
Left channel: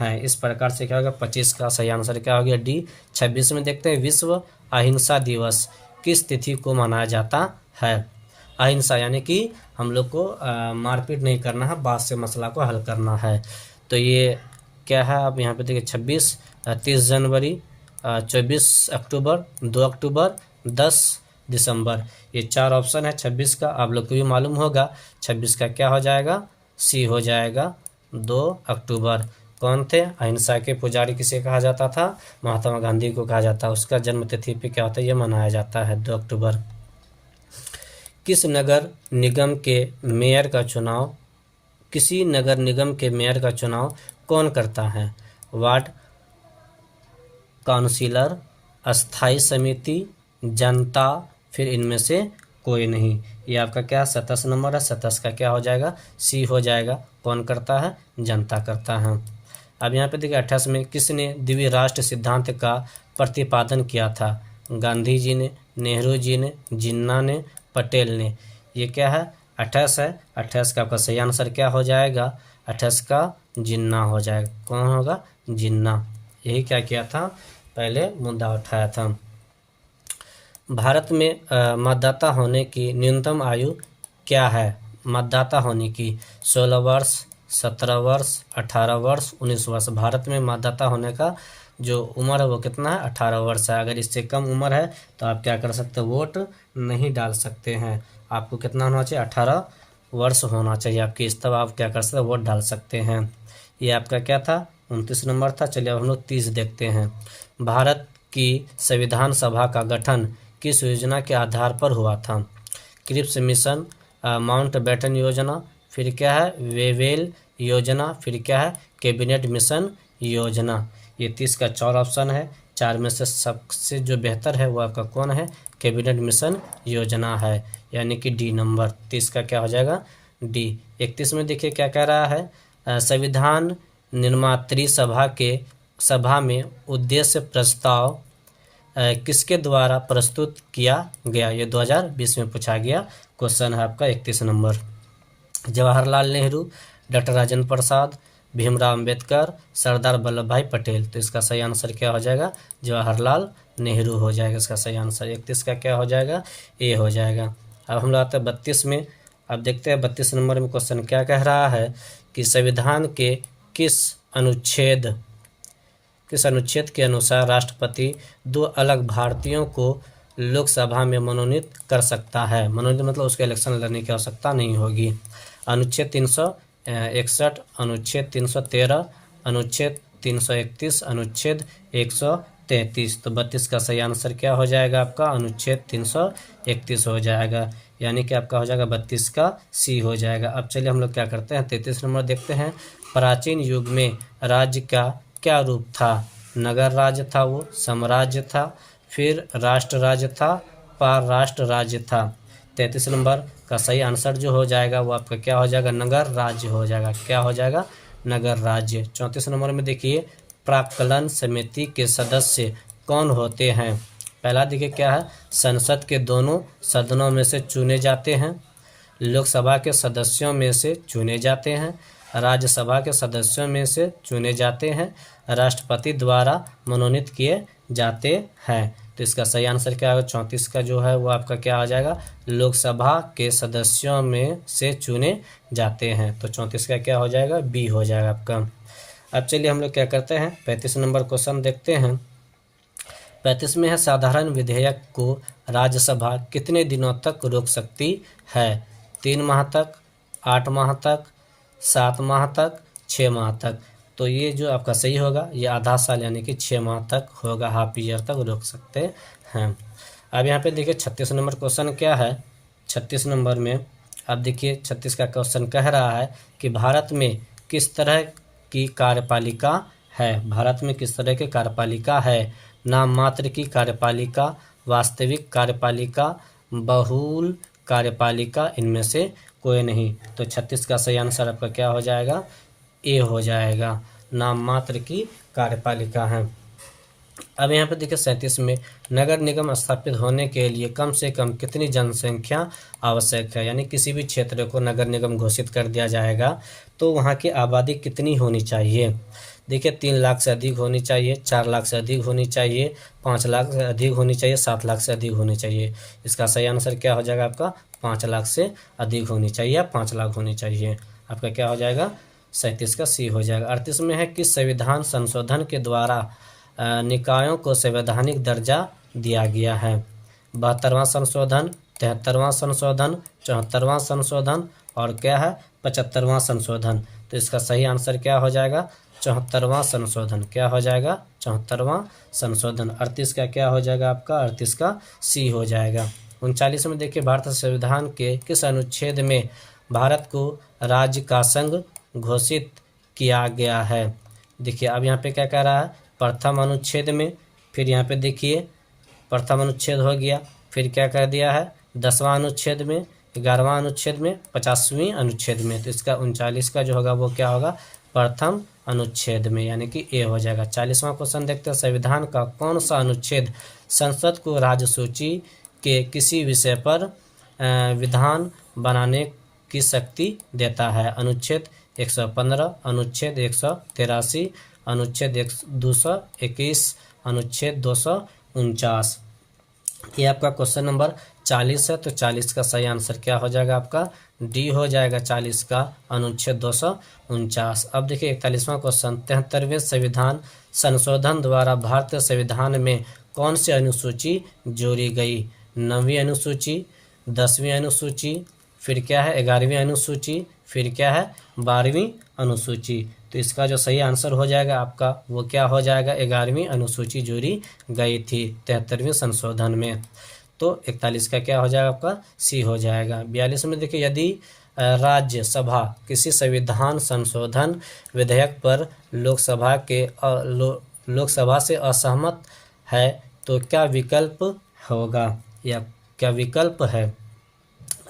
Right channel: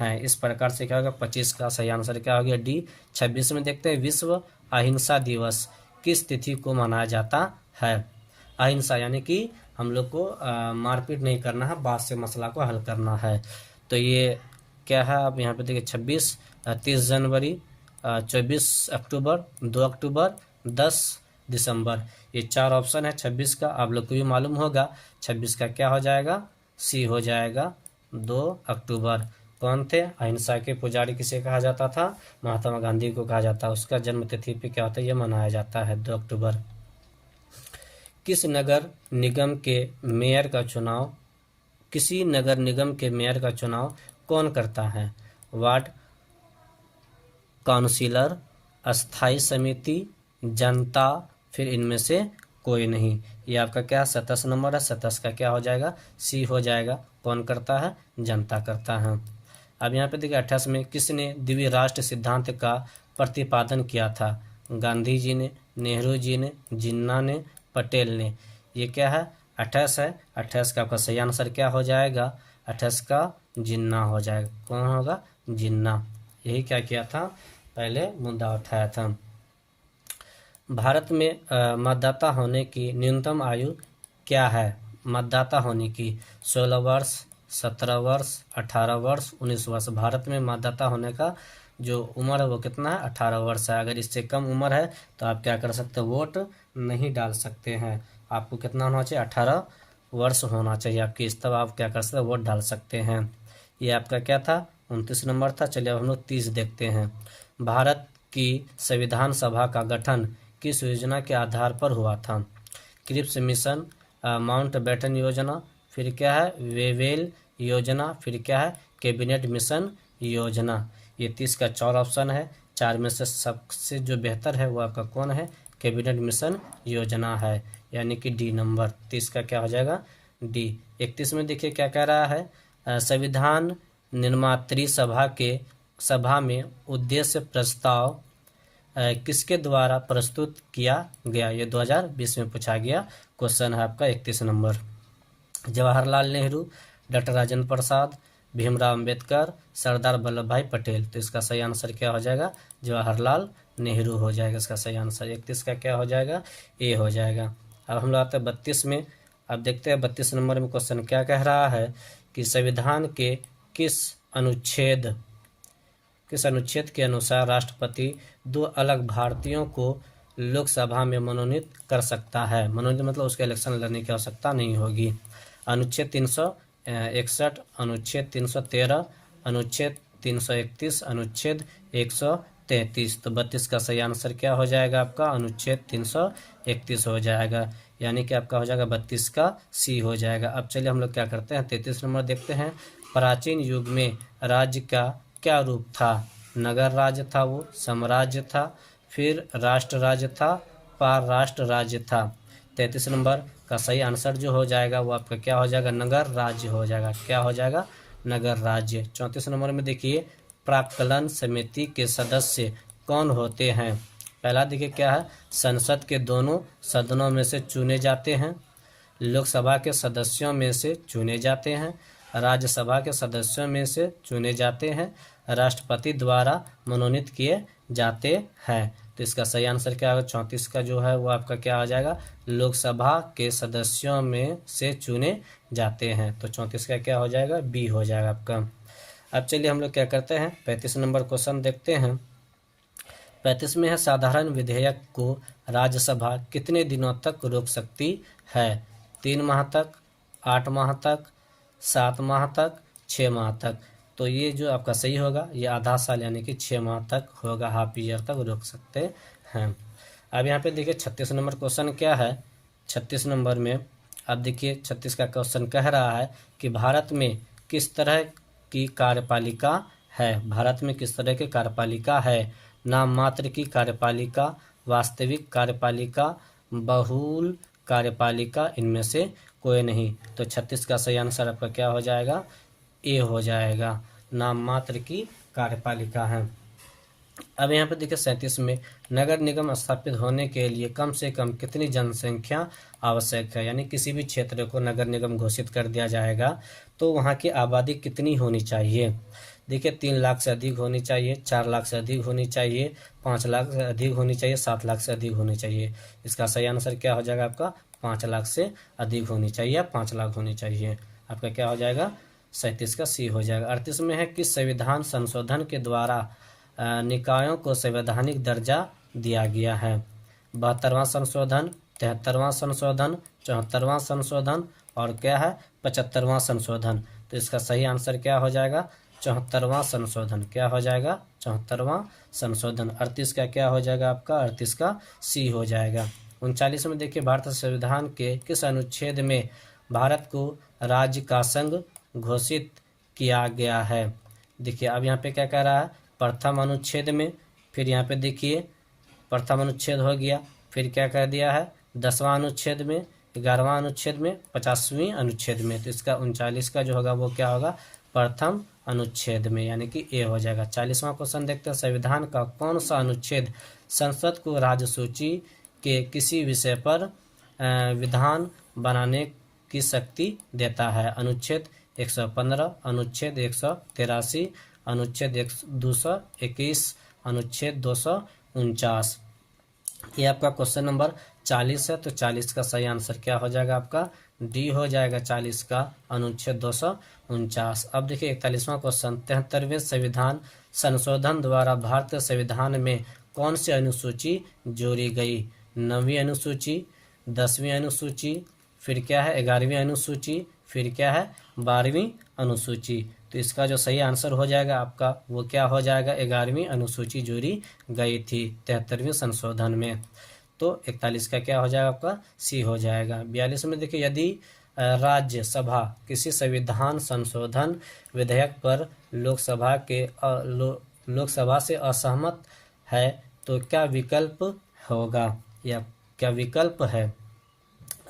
हैं। इस प्रकार से क्या होगा? 25 का सही आंसर क्या हो गया? डी। 26 में देखते हैं विश्व अहिंसा दिवस किस तिथि को मनाया जाता है? अहिंसा यानी कि हम लोग को मारपीट नहीं करना है, बात से मसला को हल करना है। तो ये क्या है? आप यहाँ पे देखिए 26, 30 जनवरी, 24 अक्टूबर, 2 अक्टूबर, 10 दिसंबर। ये 4 ऑप्शन है 26 का। आप लोग को भी मालूम होगा 26 का क्या हो जाएगा? सी हो जाएगा, 2 अक्टूबर। कौन थे? अहिंसा के पुजारी किसे कहा जाता था? महात्मा गांधी को कहा जाता है। उसका जन्म तिथि पे क्या होता है? ये मनाया जाता है 2 अक्टूबर। किस नगर निगम के मेयर का चुनाव किसी नगर निगम के मेयर का चुनाव कौन करता है? वार्ड काउंसिलर, अस्थाई समिति, जनता, फिर इनमें से कोई नहीं। ये आपका क्या 27 नंबर है। 27 का क्या हो जाएगा? सी हो जाएगा। कौन करता है? जनता करता है। अब यहाँ पे देखिए 28 में किसने द्विराष्ट्र राष्ट्र सिद्धांत का प्रतिपादन किया था? गांधी जी ने, नेहरू जी ने, जिन्ना ने, पटेल ने। ये क्या है? 28 है। 28 का आपका सही आंसर क्या हो जाएगा? 28 का जिन्ना हो जाएगा। कौन होगा? जिन्ना। यही क्या किया था? पहले मुद्दा उठाया था। भारत में मतदाता होने की न्यूनतम आयु क्या है? मतदाता होने की 16 वर्ष, 17 वर्ष, 18 वर्ष, 19 वर्ष। भारत में मतदाता होने का जो उम्र है वो कितना है? 18 वर्ष है। अगर इससे कम उम्र है तो आप क्या कर सकते हो? वोट नहीं डाल सकते हैं। आपको कितना होना चाहिए? 18 वर्ष होना चाहिए आपकी, इस तब आप क्या कर सकते हो? वोट डाल सकते हैं। ये आपका क्या था? 29 नंबर था। चलिए अब हम लोग 30 देखते हैं। भारत की संविधान सभा का गठन किस योजना के आधार पर हुआ था? क्रिप्स मिशन, माउंट बैटन योजना, फिर क्या है? वेवेल योजना, फिर क्या है? कैबिनेट मिशन योजना। ये 30 का 4 ऑप्शन है। 4 में से सबसे जो बेहतर है वो आपका कौन है? कैबिनेट मिशन योजना है, यानी कि डी नंबर। 30 का क्या हो जाएगा? डी। 31 में देखिए क्या कह रहा है? संविधान निर्मात्री सभा में उद्देश्य प्रस्ताव किसके द्वारा प्रस्तुत किया गया? ये 2020 में पूछा गया क्वेश्चन है आपका 31 नंबर। जवाहरलाल नेहरू, डॉक्टर राजेंद्र प्रसाद, भीमराव अंबेडकर, सरदार वल्लभ भाई पटेल। तो इसका सही आंसर क्या हो जाएगा? जवाहरलाल नेहरू हो जाएगा इसका सही आंसर। 31 का क्या हो जाएगा? ए हो जाएगा। अब हम लोग आते हैं 32 में। अब देखते हैं 32 नंबर में क्वेश्चन क्या कह रहा है कि संविधान के किस अनुच्छेद के अनुसार राष्ट्रपति 2 अलग भारतीयों को लोकसभा में मनोनीत कर सकता है? मनोनीत मतलब उसके इलेक्शन लड़ने की आवश्यकता नहीं होगी। अनुच्छेद 361, अनुच्छेद 313, अनुच्छेद 331, अनुच्छेद 133। तो 32 का सही आंसर क्या हो जाएगा आपका, अनुच्छेद 331 हो जाएगा, यानी कि आपका हो जाएगा 32 का सी हो जाएगा। अब चलिए हम लोग क्या करते हैं, 33 नंबर देखते हैं। प्राचीन युग में राज्य का क्या रूप था? नगर राज्य था, वो साम्राज्य था, फिर राष्ट्र राज्य था, पार राष्ट्र राज्य था। 33 नंबर का सही आंसर जो हो जाएगा वो आपका क्या हो जाएगा, नगर राज्य हो जाएगा। क्या हो जाएगा, नगर राज्य। 34 नंबर में देखिए, प्राक्कलन समिति के सदस्य कौन होते हैं? पहला देखिए क्या है, संसद के दोनों सदनों में से चुने जाते हैं, लोकसभा के सदस्यों में से चुने जाते हैं, राज्यसभा के सदस्यों में से चुने जाते हैं, राष्ट्रपति द्वारा मनोनीत किए जाते हैं। तो इसका सही आंसर क्या होगा, 34 का जो है वो आपका क्या आ जाएगा, लोकसभा के सदस्यों में से चुने जाते हैं। तो 34 का क्या हो जाएगा, बी हो जाएगा आपका। अब चलिए हम लोग क्या करते हैं, 35 नंबर क्वेश्चन देखते हैं। 35 में है, साधारण विधेयक को राज्यसभा कितने दिनों तक रोक सकती है? 3 माह तक, 8 माह तक, 7 माह तक, 6 माह तक। तो ये जो आपका सही होगा ये आधा साल यानी कि 6 माह तक होगा, हाफ ईयर तक रोक सकते हैं। अब यहाँ पे देखिए 36 नंबर क्वेश्चन क्या है। 36 नंबर में अब देखिए 36 का क्वेश्चन कह रहा है कि भारत में किस तरह की कार्यपालिका है? भारत में किस तरह की कार्यपालिका है? नाम मात्र की कार्यपालिका, वास्तविक कार्यपालिका, बहुल कार्यपालिका, इनमें से कोई नहीं। तो 36 का सही आंसर आपका क्या हो जाएगा, ए हो जाएगा, नाम मात्र की कार्यपालिका है। अब यहाँ पे देखिए 37 में, नगर निगम स्थापित होने के लिए कम से कम कितनी जनसंख्या आवश्यक है? यानी किसी भी क्षेत्र को नगर निगम घोषित कर दिया जाएगा तो वहाँ की आबादी कितनी होनी चाहिए? देखिए 3 लाख से अधिक होनी चाहिए, 4 लाख से अधिक होनी चाहिए, 5 लाख से अधिक होनी चाहिए, 7 लाख से अधिक होनी चाहिए। इसका सही आंसर क्या हो जाएगा आपका, 5 लाख से अधिक होनी चाहिए या 5 लाख होनी चाहिए। आपका क्या हो जाएगा, 37 का सी हो जाएगा। 38 में है, किस संविधान संशोधन के द्वारा निकायों को संवैधानिक दर्जा दिया गया है? 72वां संशोधन, 73वां संशोधन, 74वां संशोधन और क्या है, 75वां संशोधन। तो इसका सही आंसर क्या हो जाएगा, 74वां संशोधन। क्या हो जाएगा, 74वां संशोधन। 38 का क्या हो जाएगा आपका, 38 का सी हो जाएगा। 39 में देखिए, भारत संविधान के किस अनुच्छेद में भारत को राज्य का संघ घोषित किया गया है? देखिए अब यहाँ पे क्या कह रहा है, प्रथम अनुच्छेद में, फिर यहाँ पे देखिए प्रथम अनुच्छेद हो गया, फिर क्या कर दिया है 10वां अनुच्छेद में, 11वां अनुच्छेद में, 50वीं अनुच्छेद में। तो इसका 39 का जो होगा वो क्या होगा, प्रथम अनुच्छेद में, यानी कि ए हो जाएगा। 40वां क्वेश्चन देखते हैं, संविधान का कौन सा अनुच्छेद संसद को राज्य सूची के किसी विषय पर विधान बनाने की शक्ति देता है? अनुच्छेद 115, अनुच्छेद 183, अनुच्छेद 221, अनुच्छेद 249। ये आपका क्वेश्चन नंबर 40 है। तो 40 का सही आंसर क्या हो जाएगा आपका, डी हो जाएगा 40 का, अनुच्छेद 249। अब देखिए 41वां क्वेश्चन, 73वें संविधान संशोधन द्वारा भारतीय संविधान में कौन सी अनुसूची जोड़ी गई? 9वीं अनुसूची, 10वीं अनुसूची, फिर क्या है 11वीं अनुसूची, फिर क्या है 12वीं अनुसूची। तो इसका जो सही आंसर हो जाएगा आपका वो क्या हो जाएगा, 11वीं अनुसूची जोड़ी गई थी 73वें संशोधन में। तो 41 का क्या हो जाएगा आपका, सी हो जाएगा। 42 में देखिए, यदि राज्यसभा किसी संविधान संशोधन विधेयक पर लोकसभा से असहमत है तो क्या विकल्प होगा या क्या विकल्प है?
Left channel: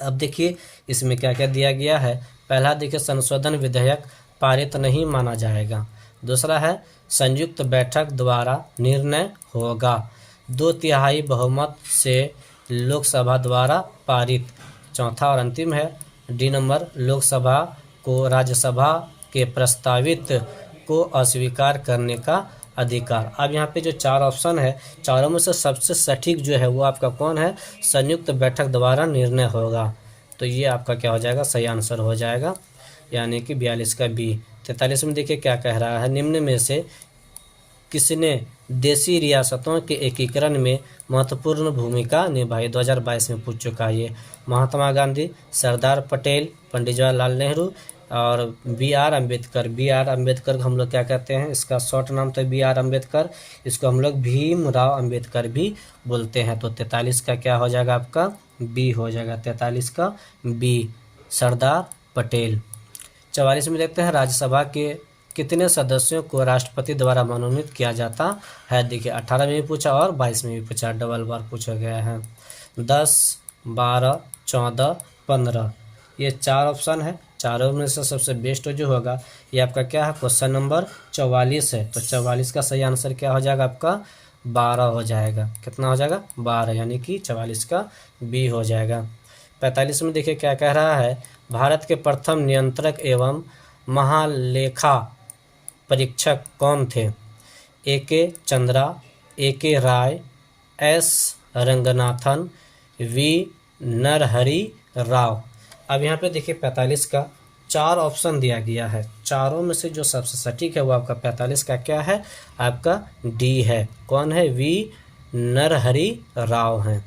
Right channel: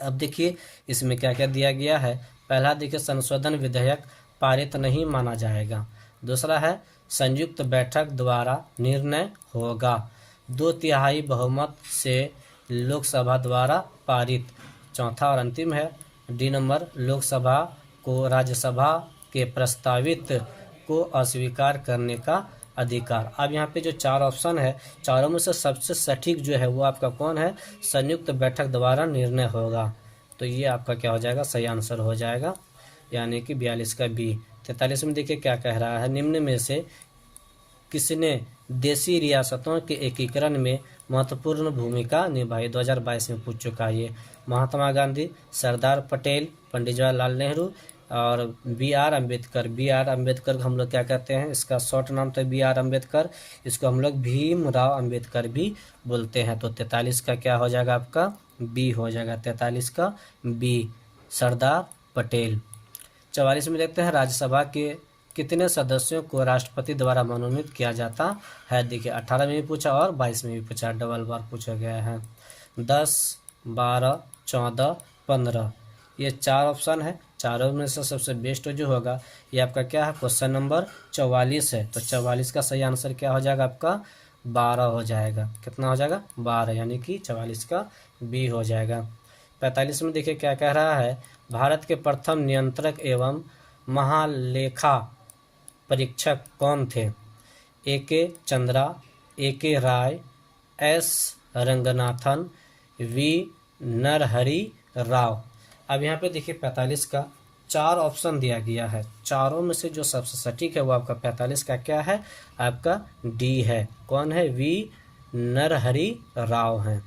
अब देखिए इसमें क्या क्या दिया गया है। पहला देखिए, संशोधन विधेयक पारित नहीं माना जाएगा। दूसरा है, संयुक्त बैठक द्वारा निर्णय होगा। 2/3 बहुमत से लोकसभा द्वारा पारित। चौथा और अंतिम है डी नंबर, लोकसभा को राज्यसभा के प्रस्तावित को अस्वीकार करने का अधिकार। अब यहाँ पे जो 4 ऑप्शन है, चारों में से सबसे सटीक जो है वो आपका कौन है, संयुक्त बैठक द्वारा निर्णय होगा। तो ये आपका क्या हो जाएगा, सही आंसर हो जाएगा, यानी कि 42 का बी। 43 में देखिए क्या कह रहा है, निम्न में से किसने देशी रियासतों के एकीकरण में महत्वपूर्ण भूमिका निभाई? 2022 में पूछ चुका है ये। महात्मा गांधी, सरदार पटेल, पंडित जवाहरलाल नेहरू, और बी आर अम्बेडकर हम लोग क्या कहते हैं, इसका शॉर्ट नाम तो बी आर अम्बेडकर, इसको हम लोग भीमराव अम्बेडकर भी बोलते हैं। तो 43 का क्या हो जाएगा आपका, बी हो जाएगा, 43 का बी, सरदार पटेल। 44 में देखते हैं राज्यसभा के कितने सदस्यों को राष्ट्रपति द्वारा मनोनीत किया जाता है। देखिए 18 में भी पूछा और 22 में भी पूछा, डबल बार पूछा गया है। 10, 12, 14, 15, ये 4 ऑप्शन है। चारों में से सबसे बेस्ट जो होगा ये आपका क्या है, क्वेश्चन नंबर 44 है। तो 44 का सही आंसर क्या हो जाएगा आपका, 12 हो जाएगा। कितना हो जाएगा, 12, यानी कि 44 का बी हो जाएगा। 45 में देखिए क्या कह रहा है, भारत के प्रथम नियंत्रक एवं महालेखा परीक्षक कौन थे। ए के चंद्रा, ए के राय, एस रंगनाथन, वी नरहरि राव। अब यहाँ पे देखिए 45 का 4 ऑप्शन दिया गया है, चारों में से जो सबसे सटीक है वो आपका 45 का क्या है, आपका डी है। कौन है, वी नरहरि राव हैं।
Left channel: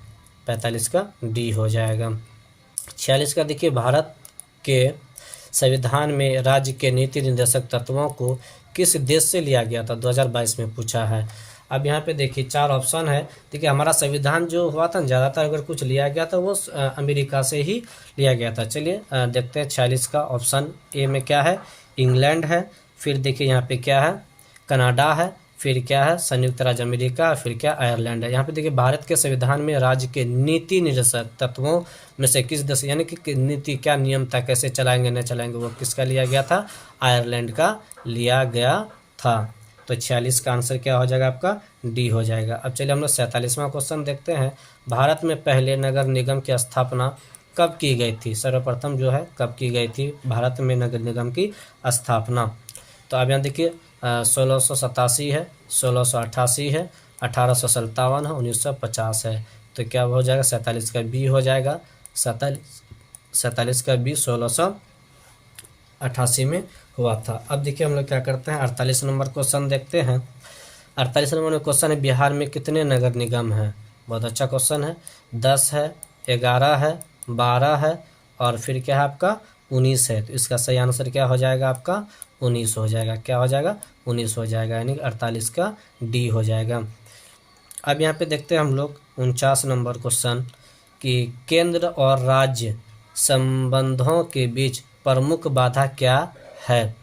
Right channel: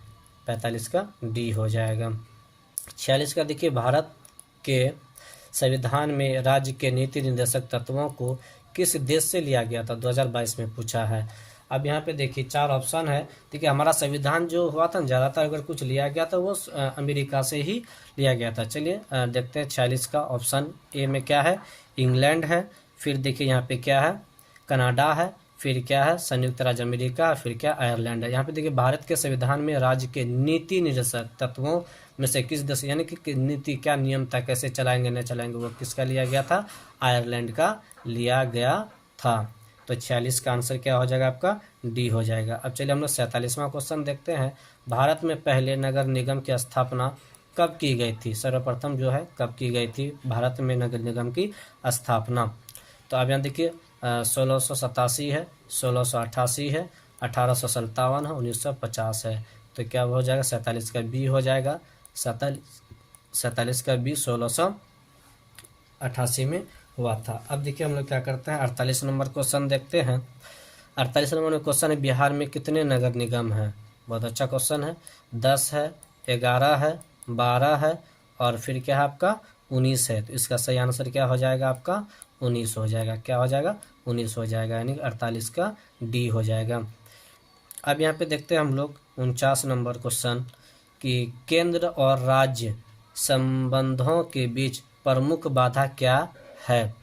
45 का डी हो जाएगा। 46 का देखिए, भारत के संविधान में राज्य के नीति निर्देशक तत्वों को किस देश से लिया गया था, 2022 में पूछा है। अब यहाँ पे देखिए 4 ऑप्शन है। देखिए हमारा संविधान जो हुआ था ज़्यादातर अगर कुछ लिया गया था वो अमेरिका से ही लिया गया था। चलिए देखते हैं 46 का ऑप्शन ए में क्या है, इंग्लैंड है, फिर देखिए यहाँ पे क्या है, कनाडा है, फिर क्या है, संयुक्त राज्य अमेरिका, फिर क्या, आयरलैंड है। यहाँ पे देखिए भारत के संविधान में राज्य के नीति निर्देशक तत्वों में से किस देश, यानी कि नीति क्या नियम था, कैसे चलाएंगे नहीं चलाएंगे, वो किसका लिया गया था, आयरलैंड का लिया गया था। तो 46 का आंसर क्या हो जाएगा आपका, डी हो जाएगा। अब चलिए हम लोग 47वां क्वेश्चन देखते हैं। भारत में पहले नगर निगम की स्थापना कब की गई थी, सर्वप्रथम जो है कब की गई थी भारत में नगर निगम की स्थापना। तो अब यहाँ देखिए 1687 है, 1688 है, 1857 है, 1950 है। तो क्या हो जाएगा, 47 का बी हो जाएगा। 47 का बी 1688 में हुआ था। अब देखिए हम लोग क्या करते हैं, 48 नंबर क्वेश्चन देखते हैं। 48 नंबर में क्वेश्चन है, बिहार में कितने नगर निगम हैं। बहुत अच्छा क्वेश्चन है। 10 है, 11 है, 12 है और फिर क्या है आपका 19 है। तो इसका सही आंसर क्या हो जाएगा आपका, 19 हो जाएगा। क्या हो जाएगा, 19 हो जाएगा, यानी 48 का डी हो जाएगा। अब यहाँ पे देखते हैं हम लोग 49 नंबर क्वेश्चन कि केंद्र और राज्य संबंधों के बीच प्रमुख बाधा क्या है।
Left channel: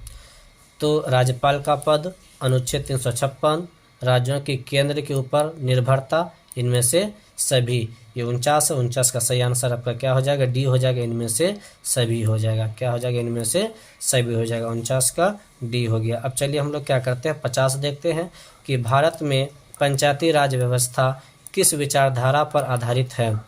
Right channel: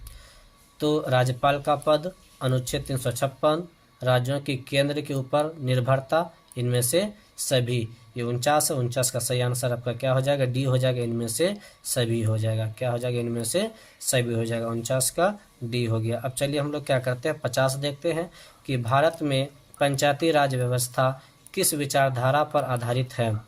तो राज्यपाल का पद, अनुच्छेद 356, राज्यों की केंद्र के ऊपर निर्भरता, इनमें से सभी। ये 49 है, 49 का सही आंसर आपका क्या हो जाएगा, डी हो जाएगा, इनमें से सभी हो जाएगा। क्या हो जाएगा, इनमें से सभी हो जाएगा। 49 का डी हो गया। अब चलिए हम लोग क्या करते हैं, 50 देखते हैं कि भारत में पंचायती राज व्यवस्था किस विचारधारा पर आधारित है।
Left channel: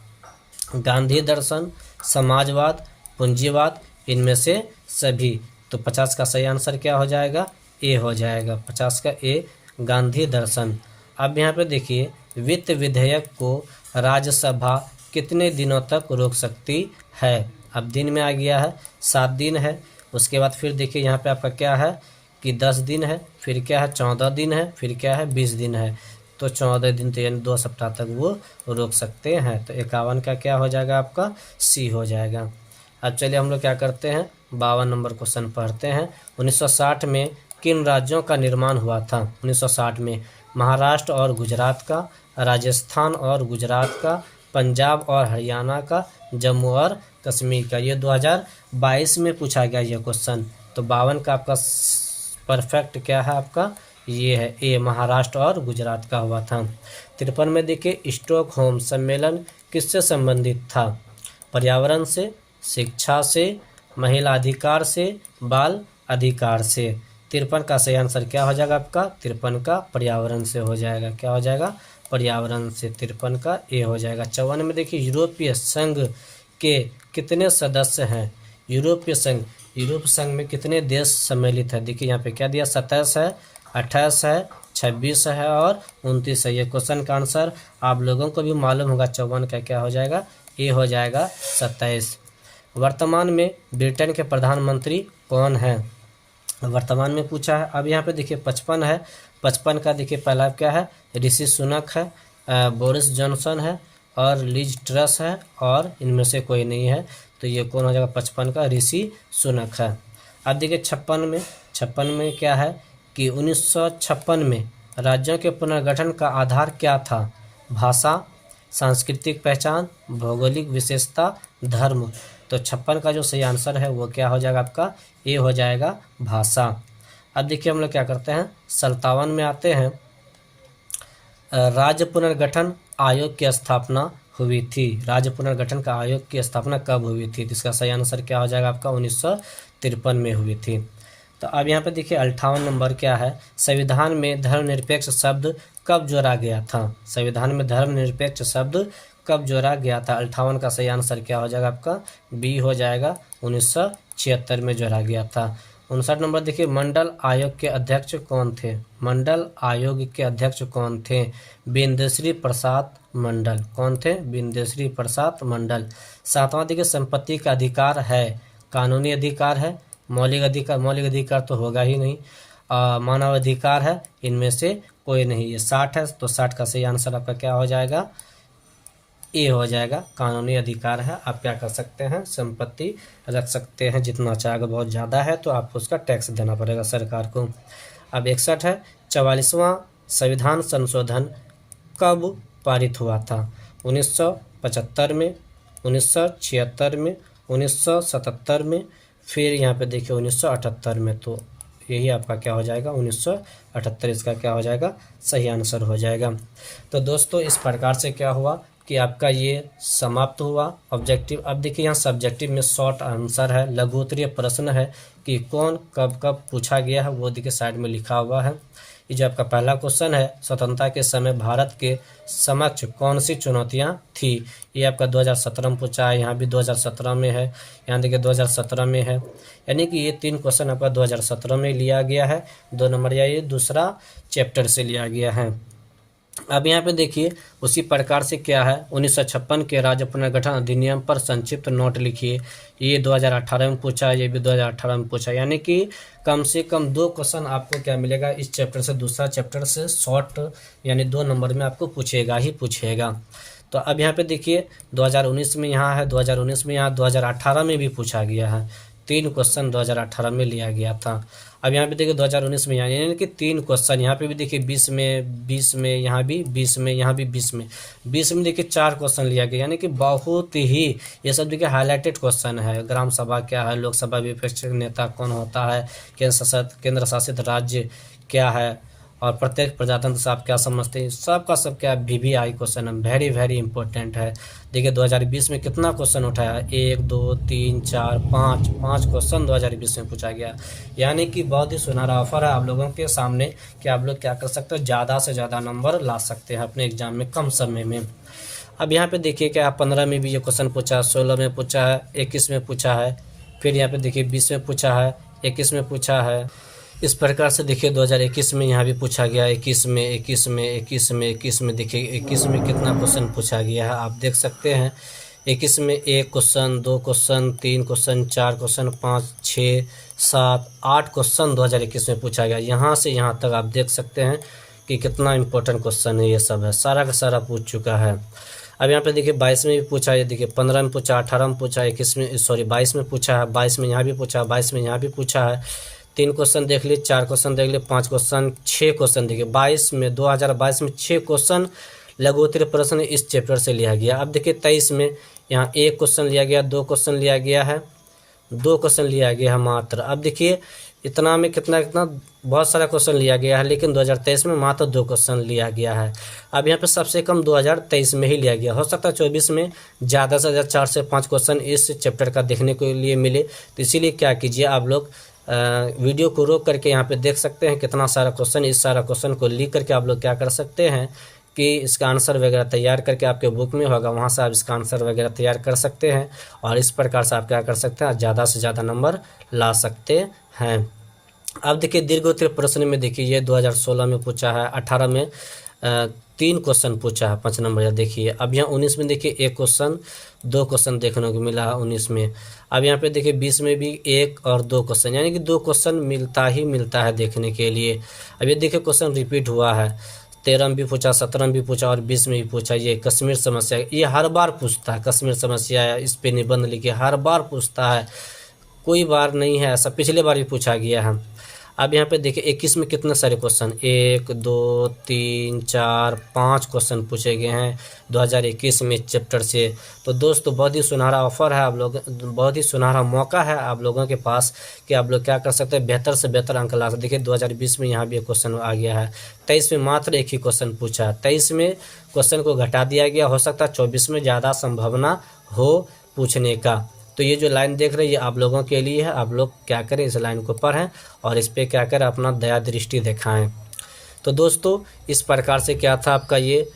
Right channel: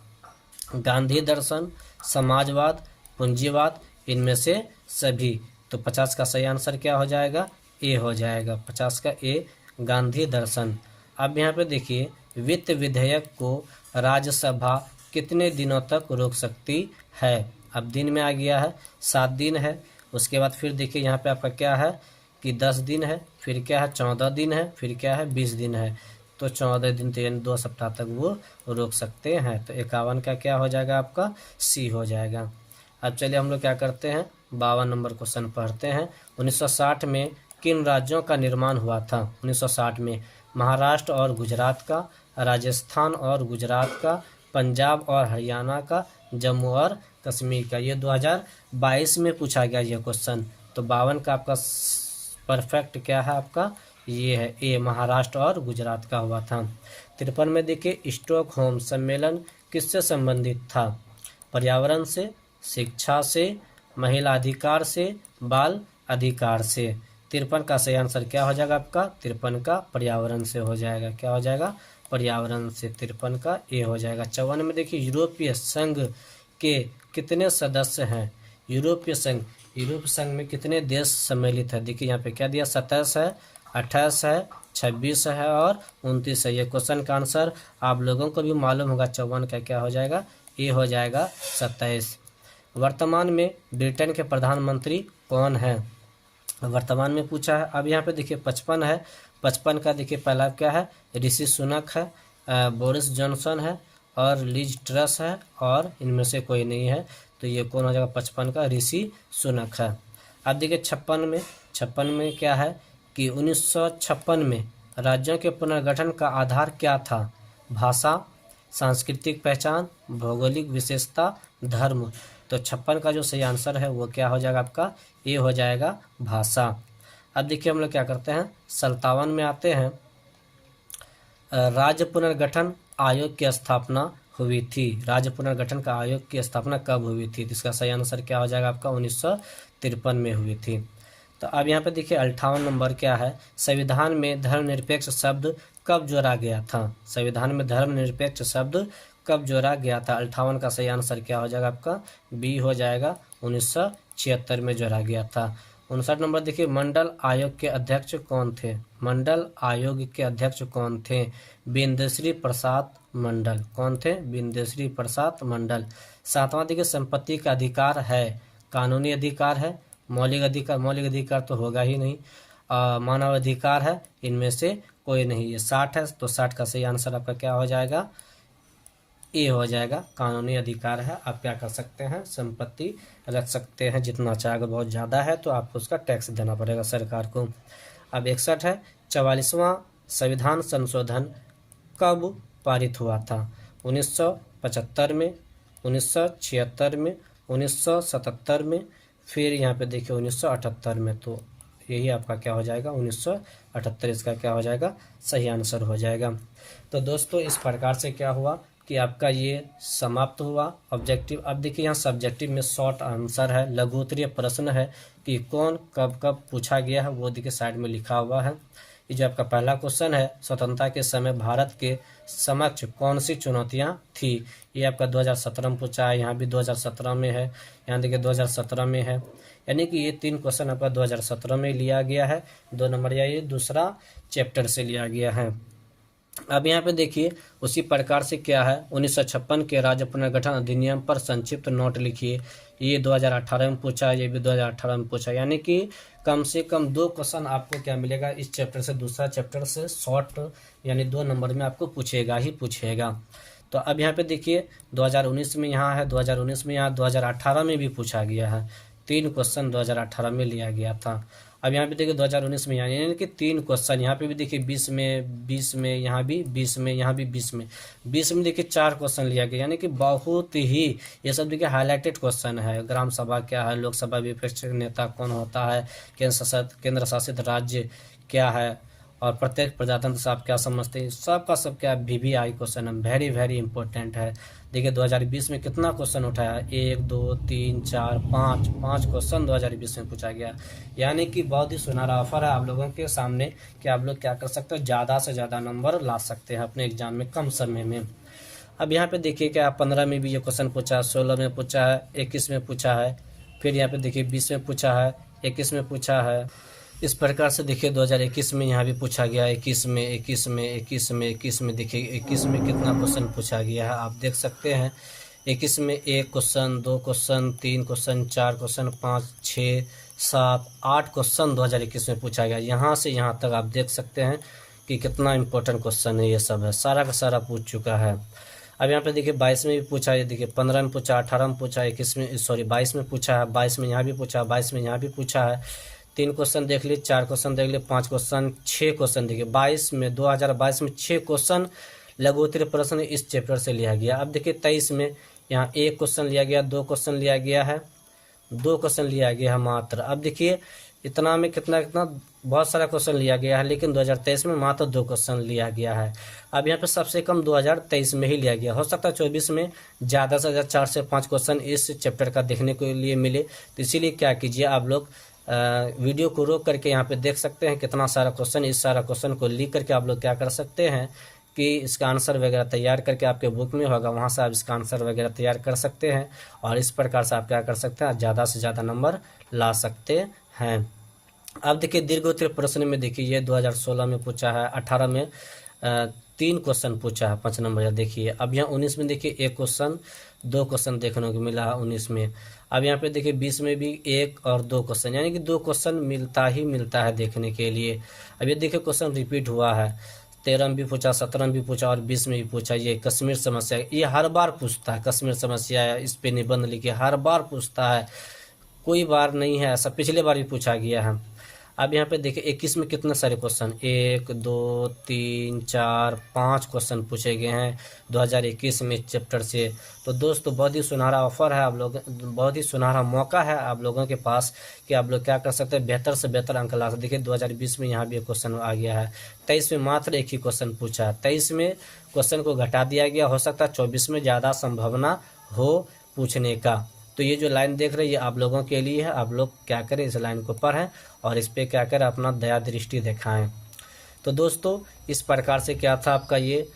गांधी दर्शन, समाजवाद, पूंजीवाद, इनमें से सभी। तो 50 का सही आंसर क्या हो जाएगा, ए हो जाएगा। 50 का ए, गांधी दर्शन। अब यहाँ पे देखिए, वित्त विधेयक को राज्यसभा कितने दिनों तक रोक सकती है। अब दिन में आ गया है, 7 दिन है। उसके बाद फिर देखिए यहाँ पे आपका क्या है कि 10 दिन है, फिर क्या है 14 दिन है, फिर क्या है 20 दिन है। तो 14 दिन तो यानी 2 सप्ताह तक वो रोक सकते हैं। तो 51 का क्या हो जाएगा आपका, सी हो जाएगा। अब चलिए हम लोग क्या करते हैं, 52 नंबर क्वेश्चन पढ़ते हैं। 1960 में किन राज्यों का निर्माण हुआ था। 1960 में महाराष्ट्र और गुजरात का, राजस्थान और गुजरात का, पंजाब और हरियाणा का, जम्मू और कश्मीर का। ये 2022 में पूछा गया ये क्वेश्चन। तो 52 का आपका परफेक्ट क्या है आपका, ये है ए, महाराष्ट्र और गुजरात का हुआ था। 53 में देखिए, स्टॉकहोम सम्मेलन किससे संबंधित था। पर्यावरण से, शिक्षा से, महिला अधिकार से, बाल अधिकार से। 53 का सही आंसर क्या हो जाएगा आपका, 53 का पर्यावरण से हो जाएगा। क्या हो जाएगा, पर्यावरण से। 53 का ए हो जाएगा। 54 में देखिए, यूरोपीय संघ के कितने सदस्य हैं। यूरोपीय संघ में कितने देश सम्मिलित है। देखिए यहाँ पे क्या दिया, 27 है, 28 है, 26 है और 29 है। ये क्वेश्चन का आंसर आप लोगों को भी मालूम होगा। 54 का क्या हो जाएगा, ए हो जाएगा, 27। वर्तमान में ब्रिटेन के प्रधानमंत्री कौन है, वर्तमान में पूछा है। अब यहाँ पे देखिए 55 है। 55 का देखिए पहला क्या है, ऋषि सुनक है, बोरिस जॉनसन है और लिज ट्रस है और इनमें से कोई नहीं है। तो ये कौन हो जाएगा, 55 का ऋषि सुनक है। अब देखिए 56 में क्या है कि 1956 में राज्यों के पुनर्गठन का आधार क्या था? भाषा, सांस्कृतिक पहचान, भौगोलिक विशेषता, धर्म। तो 56 का जो सही आंसर है वो क्या हो जाएगा आपका? ए हो जाएगा, भाषा। अब देखिए हम लोग क्या करते हैं, 57 में आते हैं। राज्य पुनर्गठन आयोग की स्थापना हुई थी। राज्य पुनर्गठन का आयोग की स्थापना कब हुई थी? तो इसका सही आंसर क्या हो जाएगा आपका? 1953 में हुई थी। तो अब यहाँ पे देखिए 58 नंबर क्या है, संविधान में धर्मनिरपेक्ष शब्द कब जोड़ा गया था? संविधान में धर्मनिरपेक्ष शब्द कब जोड़ा गया था? 58 का सही आंसर क्या हो जाएगा आपका? बी हो जाएगा, 1976 में जोड़ा गया था। 59 नंबर देखिए, मंडल आयोग के अध्यक्ष कौन थे? मंडल आयोग के अध्यक्ष कौन थे? बिंदेश्वरी प्रसाद मंडल। कौन थे? बिंदेश्वरी प्रसाद मंडल। 7वां देखिए, संपत्ति का अधिकार है, कानूनी अधिकार है, मौलिक अधिकार तो होगा ही नहीं, मानव अधिकार है, इनमें से कोई नहीं। ये 60 है, तो 60 का सही आंसर आपका क्या हो जाएगा? ए हो जाएगा, कानूनी अधिकार है। आप क्या कर सकते हैं, संपत्ति रख सकते हैं जितना चाहे। अगर बहुत ज़्यादा है तो आपको उसका टैक्स देना पड़ेगा सरकार को। अब 61 है, 44वां संविधान संशोधन कब पारित हुआ था? 1975 में, 1976 में, 1977 में, फिर यहाँ पे देखिए 1978 में। तो यही आपका क्या हो जाएगा? 1978 इसका क्या हो जाएगा? सही आंसर हो जाएगा। तो दोस्तों इस प्रकार से क्या हुआ कि आपका ये समाप्त हुआ ऑब्जेक्टिव। अब देखिए यहाँ सब्जेक्टिव में शॉर्ट आंसर है, लघु उत्तरीय प्रश्न है कि कौन कब कब पूछा गया है, वो देखिए साइड में लिखा हुआ है। ये जो आपका पहला क्वेश्चन है, स्वतंत्रता के समय भारत के समक्ष कौन सी चुनौतियां थी? ये आपका 2017 में पूछा है, यहाँ भी 2017 में है, यहाँ देखिए 2017 में है। यानी कि ये 3 क्वेश्चन आपका 2017 में लिया गया है। 2 नंबर या ये दूसरा चैप्टर से लिया गया है। अब यहाँ पे देखिए उसी प्रकार से क्या है, 1956 के राज्य पुनर्गठन अधिनियम पर संक्षिप्त नोट लिखिए। ये 2018 में पूछा है, ये भी 2018 में पूछा है। यानी कि कम से कम 2 क्वेश्चन आपको क्या मिलेगा इस चैप्टर से, दूसरा चैप्टर से शॉर्ट, यानी 2 नंबर में आपको पूछेगा ही पूछेगा। तो अब यहाँ पे देखिए 2019 में यहाँ है, 2019 में यहाँ, 2018 में भी पूछा गया है। 3 क्वेश्चन 2018 में लिया गया था। अब यहाँ पे देखिए 2019 में, यानी कि 3 क्वेश्चन। यहाँ पे भी देखिए 20 में, यहाँ भी 20 में, यहाँ भी 20 में देखिए 4 क्वेश्चन लिया गया। यानी कि बहुत ही ये सब देखिए हाईलाइटेड क्वेश्चन है। ग्राम सभा क्या है, लोकसभा विपक्ष नेता कौन होता है, केंद्र शासित राज्य क्या है, और प्रत्येक प्रजातंत्र से आप क्या समझते हैं, सबका सब क्या VVI क्वेश्चन है, वेरी वेरी इंपॉर्टेंट है। देखिए 2020 में कितना क्वेश्चन उठाया है, 1 2 3 4 5 क्वेश्चन 2020 में पूछा गया। यानी कि बहुत ही सुनहरा ऑफर है आप लोगों के सामने कि आप लोग क्या कर सकते हो, ज़्यादा से ज़्यादा नंबर ला सकते हैं अपने एग्जाम में कम समय में। अब यहाँ पे देखिए क्या 15 में भी ये क्वेश्चन पूछा है, 16 में पूछा है, 21 में पूछा है, फिर यहाँ पे देखिए 20 में पूछा है, 21 में पूछा है। इस प्रकार से देखिए 2021 में यहाँ भी पूछा गया, 21 में देखिए 21 में कितना क्वेश्चन पूछा गया है आप देख सकते हैं। 21 में 1 question, 2 question, 3 question, 4 question, 5 6 7 8 question 2021 में पूछा गया। यहाँ से यहाँ तक आप देख सकते हैं कि कितना इंपॉर्टेंट क्वेश्चन है, ये सब है, सारा का सारा पूछ चुका है। अब यहाँ पे देखिए 22 में भी पूछा है, देखिए 15 में पूछा, 18 में पूछा, 22 में पूछा है, 22 में यहाँ भी पूछा, 22 में यहाँ भी पूछा है। 3 क्वेश्चन देख लिए, 4 क्वेश्चन देख लिए, 5 क्वेश्चन, 6 क्वेश्चन देखिए 2022 में 6 क्वेश्चन लघु उत्तरीय प्रश्न इस चैप्टर से लिया गया। अब देखिए 23 में यहाँ 1 क्वेश्चन लिया गया, 2 क्वेश्चन लिया गया है, 2 क्वेश्चन लिया गया है मात्र। अब देखिए इतना में कितना बहुत सारा क्वेश्चन लिया गया है, लेकिन 2023 में मात्र 2 क्वेश्चन लिया गया है। अब यहाँ पे सबसे कम 2023 में ही लिया गया, हो सकता है 24 में ज़्यादा से ज़्यादा 4 से 5 क्वेश्चन इस चैप्टर का देखने के लिए मिले। तो इसीलिए क्या कीजिए, आप लोग वीडियो को रोक करके यहाँ पे देख सकते हैं कितना सारा क्वेश्चन, इस सारा क्वेश्चन को लिख करके आप लोग क्या कर सकते हैं कि इसका आंसर वगैरह तैयार करके आपके बुक में होगा, वहाँ से आप इसका आंसर वगैरह तैयार कर सकते हैं और इस प्रकार से आप क्या कर सकते हैं, ज़्यादा से ज़्यादा नंबर ला सकते हैं। अब देखिए दीर्घ उत्तरीय प्रश्न में देखिए ये 2016 में पूछा है, 18 में 3 क्वेश्चन पूछा है 5 नंबर। देखिए अब यहाँ 19 में देखिए 1 क्वेश्चन, 2 क्वेश्चन देखने को मिला है 19 में। अब यहाँ पे देखिए 20 में भी 1 और 2 क्वेश्चन, यानी कि 2 क्वेश्चन मिलता है देखने के लिए। अब ये देखिए क्वेश्चन रिपीट हुआ है, 13 में भी पूछा, 17 में भी पूछा और 20 में भी पूछा। ये कश्मीर समस्या, ये हर बार पूछता है, कश्मीर समस्या है, इस पे निबंध लिखे, हर बार पूछता है। कोई बार नहीं है ऐसा, पिछले बार भी पूछा गया है। अब यहाँ पे देखिए 21 में कितने सारे क्वेश्चन, 1 2 3 4 5 क्वेश्चन पूछे गए हैं 2021 में चैप्टर से। तो दोस्तों बहुत ही सुनहरा ऑफर है आप लोग, बहुत ही सुनहरा मौका है आप लोगों के पास कि आप लोग क्या कर सकते हैं, बेहतर से बेहतर अंक ला सकते। देखिए 2020 में यहाँ भी एक क्वेश्चन आ गया है, 23 में मात्र एक ही क्वेश्चन पूछा है, 23 में क्वेश्चन को घटा दिया गया, हो सकता है 24 में ज़्यादा संभावना हो पूछने का। तो ये जो लाइन देख रहे हैं ये आप लोगों के लिए है, आप लोग क्या करें, इस लाइन को पढ़ें और इस पे क्या करें, अपना दया दृष्टि दिखाएं। तो दोस्तों इस प्रकार से क्या था आपका ये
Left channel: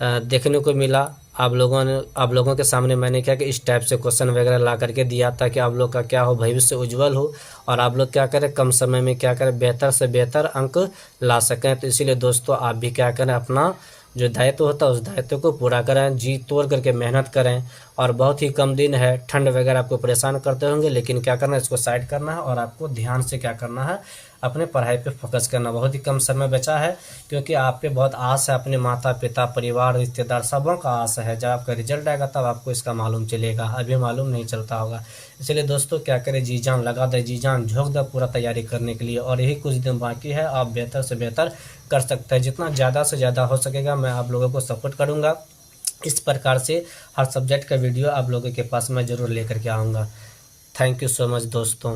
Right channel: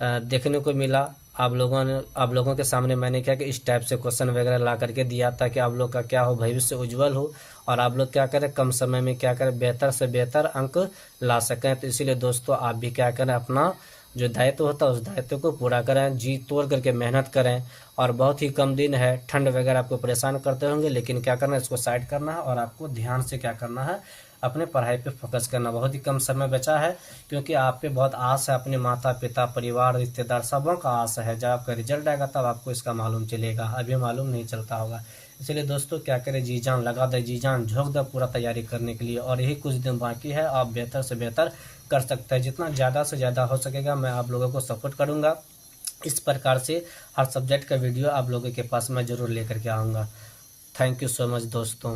देखने को मिला। आप लोगों के सामने मैंने क्या कि इस टाइप से क्वेश्चन वगैरह ला करके दिया था कि आप लोग का क्या हो, भविष्य उज्जवल हो और आप लोग क्या करें, कम समय में क्या करें, बेहतर से बेहतर अंक ला सकें। तो इसीलिए दोस्तों आप भी क्या करें, अपना जो दायित्व होता है उस दायित्व को पूरा करें, जी तोड़ करके मेहनत करें। और बहुत ही कम दिन है, ठंड वगैरह आपको परेशान करते होंगे, लेकिन क्या करना है, इसको साइड करना है और आपको ध्यान से क्या करना है, अपने पढ़ाई पे फोकस करना। बहुत ही कम समय बचा है क्योंकि आप पे बहुत आस है, अपने माता पिता परिवार रिश्तेदार सबों का आस है। जब आपका रिजल्ट आएगा तब आपको इसका मालूम चलेगा, अभी मालूम नहीं चलता होगा। इसलिए दोस्तों क्या करें, जी जान लगा दे, जी जान झोंक दे पूरा तैयारी करने के लिए। और यही कुछ दिन बाकी है, आप बेहतर से बेहतर कर सकते हैं। जितना ज़्यादा से ज़्यादा हो सकेगा मैं आप लोगों को सपोर्ट करूँगा। इस प्रकार से हर सब्जेक्ट का वीडियो आप लोगों के पास मैं ज़रूर लेकर के आऊँगा। थैंक यू सो मच दोस्तों।